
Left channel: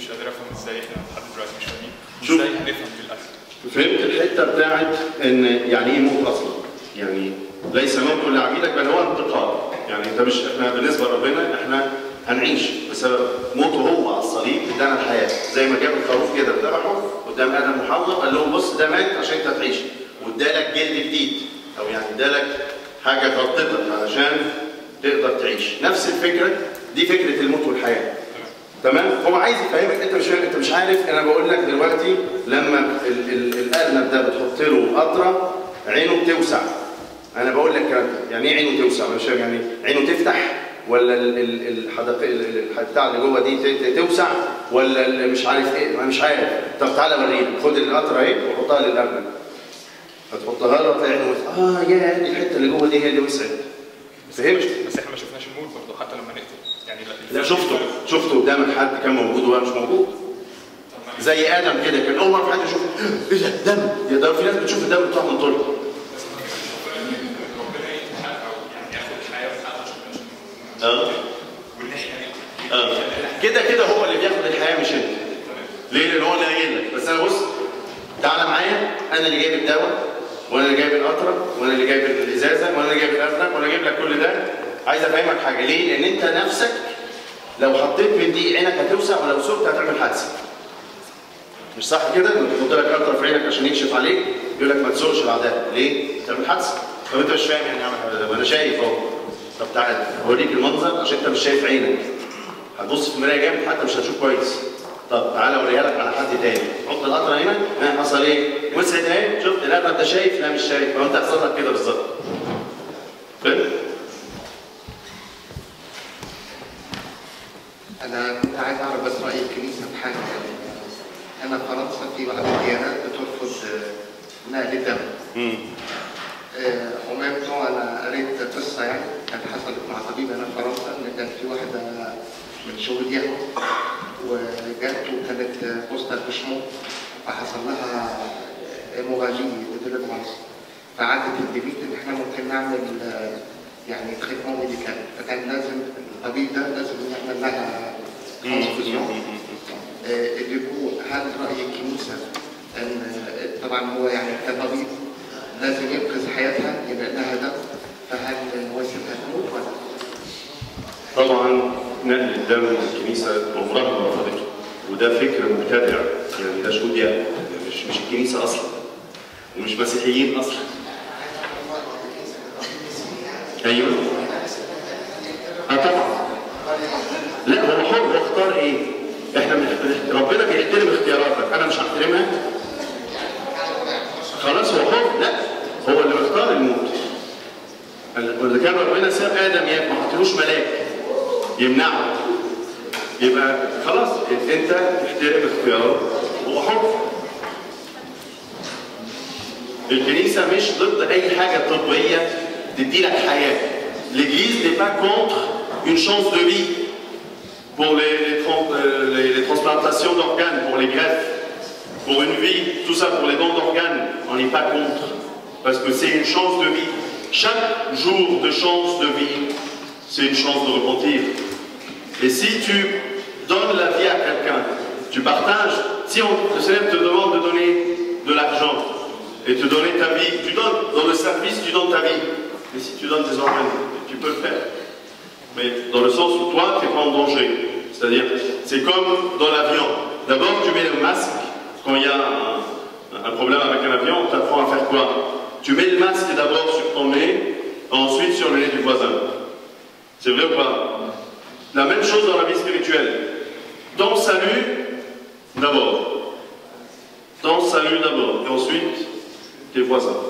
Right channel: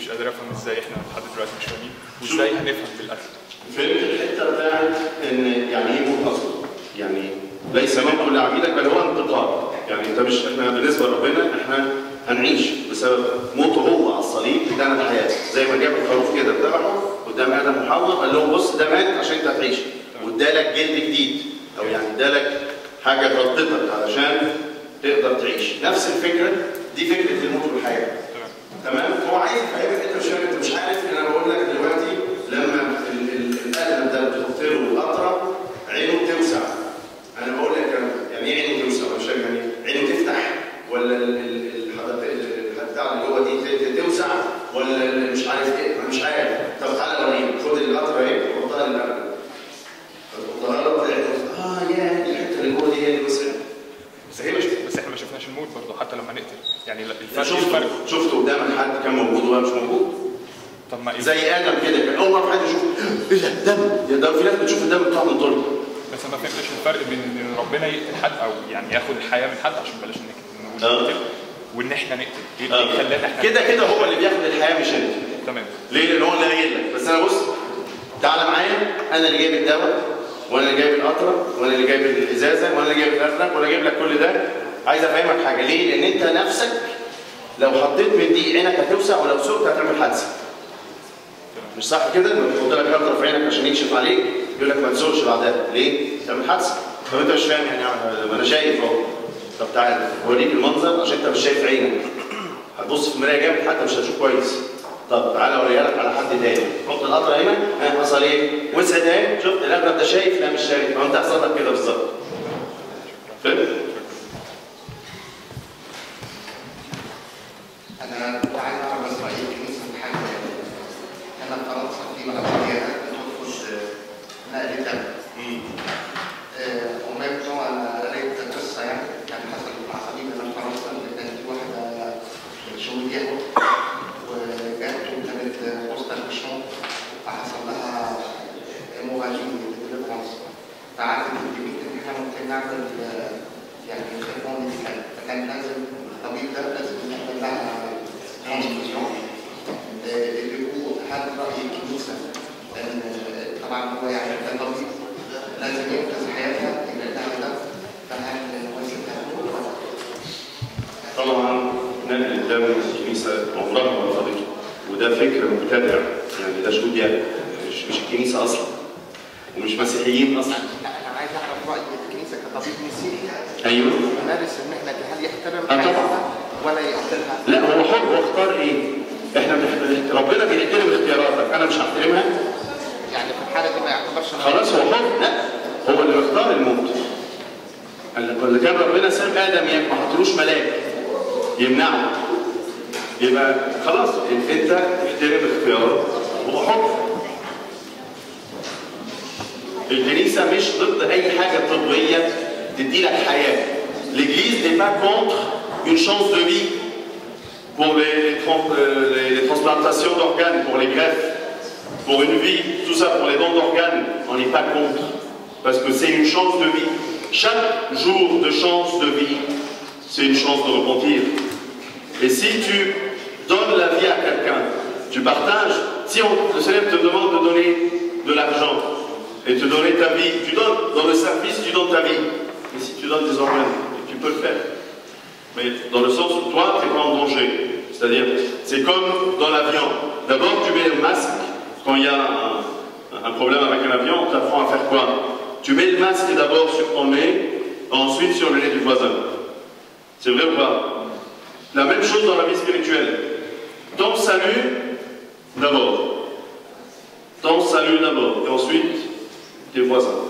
مش قادر افهم ازاي احنا لحد دلوقتي مش فاهمين وازاي هنفهم بالقتل. فهمت الحته بتاعت ان يعني ايه موت اصلا؟ يعني ليس موت لعبيدك بل هو انتقال. يعني انت مش احنا بالنسبه لربنا احنا هنعيش بسبب موته هو على الصليب ادانا الحياه، زي ما جاب الخروف كده ذبحه قدام ادم وحواء قال لهم بص ده مات عشان انت تعيش وادالك جلد جديد او يعني ادالك حاجه غطتك علشان تقدر تعيش. نفس الفكره دي فكره الموت والحياه. تمام؟ هو عايز يفهمك انت مش عارف. انا بقول لك دلوقتي لما الارنب انا بقول لك يعني ايه عينه توسع؟ مش فاهم يعني عينه تفتح ولا البتاع اللي جوه دي توسع ولا مش عارف ايه؟ ما مش عارف. طب تعالى وريني، خد القطره اهي وحطها للقلب. هتحطها له تلاقي يا الحته اللي جوه دي هي اللي وسعت. بس احنا ما شفناش الموت برضه حتى لما نقتل يعني. لا شفته قدامك حد كان موجود ولا مش موجود؟ طب ما زي ادم كده، كان اول مره في حد يشوف ايه ده دم. يا ده في ناس بتشوف الدم بتاع من طول. بس ما فهمتش الفرق بين ان ربنا يقتل حد او يعني ياخد الحياه من حد عشان بلاش نقتل وان احنا نقتل. كده هو اللي بياخد الحياه مش انت. تمام. ليه؟ لان هو اللي قايل لك. بس انا بص تعالى معايا، انا اللي جايب الدواء وانا اللي جايب القطره وانا اللي جايب الازازه وانا اللي جايب الازرق وانا جايب لك كل ده. عايز افهمك حاجه. ليه؟ لان انت نفسك لو حطيت من دي عينك هتوسع ولو سقت هتعمل حادثه. مش صح كده؟ لما تحط لك قطره في عينك عشان يكشف عليك يقول لك ما تسوقش بعدها. ليه؟ تعمل حادثه. طب انت مش فاهم يعني اعمل، انا شايف اهو. طب تعالى اوريك المنظر عشان انت مش شايف عينك. هتبص في المرايه جامد حتى مش هتشوف كويس. طب تعالى اوريها لك على حد تاني. حط القطره هنا، حصل ايه؟ وسعت اهي. شفت القطره ده شايف؟ لا مش شايف. ما انت هيحصل لك كده بالظبط. فهمت؟ أنا كنت عايز أعرف بس رأي الكنيسة في حاجة يعني. أنا في فرنسا في بعض الديانات بترفض نقل الدم. ومن بتوع أنا قريت قصة يعني كانت حصلت مع طبيب هنا في فرنسا إن كان في واحدة من شغل اليهود وجات وكانت بوستر مش موت فحصل لها هيموراجي ديليفرانس فعادت البيت إن إحنا ممكن نعمل يعني تريتمون ميديكال فكان لازم الطبيب ده لازم يعمل لها ترانسفيوجن. هل رأي الكنيسة ان طبعا هو يعني كطبيب لازم ينقذ حياتها يبقى لها ده فهل واسمها تموت ولا؟ طبعا نقل الدم الكنيسه عمرها ما رفضته وده فكر مبتدع يعني ده شهود يعني مش الكنيسه اصلا ومش مسيحيين اصلا. انا عايز اعرف راي الكنيسه كطبيب مسيحي. ايوه. مارس هل يحترم طبعا. ولا يحترمها؟ لا هو حر هو اختار ايه؟ احنا ربنا بيحترم اختياراتك انا مش هحترمها. يعني في حاله ما يعتبرش خلاص هو حر. لا هو اللي بيختار الموت. اللي كان ربنا ساب ادم يعني ما حطلوش ملاك يمنعه يبقى خلاص انت تحترم اختياره هو حر. الكنيسه مش ضد اي حاجه طبيه تدي لك حياه. L'église n'est pas contre une chance de vie pour les transplantations d'organes, pour les greffes, pour une vie, tout ça pour les dons d'organes, on n'est pas contre. Parce que c'est une chance de vie. Chaque jour de chance de vie, c'est une chance de repentir. Et si tu donnes la vie à quelqu'un, tu partages. Si le Seigneur te demande de donner de l'argent et te donner ta vie, tu donnes dans le service, tu donnes ta vie. Mais si tu donnes des organes, tu peux le faire. Mais dans le sens où toi, tu n'es pas en danger. C'est-à-dire, c'est comme dans l'avion. D'abord, tu mets le masque. Quand il y a un problème avec un avion, on t'apprend à faire quoi? Tu mets le masque d'abord sur ton nez, ensuite sur le nez du voisin. C'est vrai ou pas? La même chose dans la vie spirituelle. Ton salut d'abord. Ton salut d'abord. Et ensuite, tes voisins.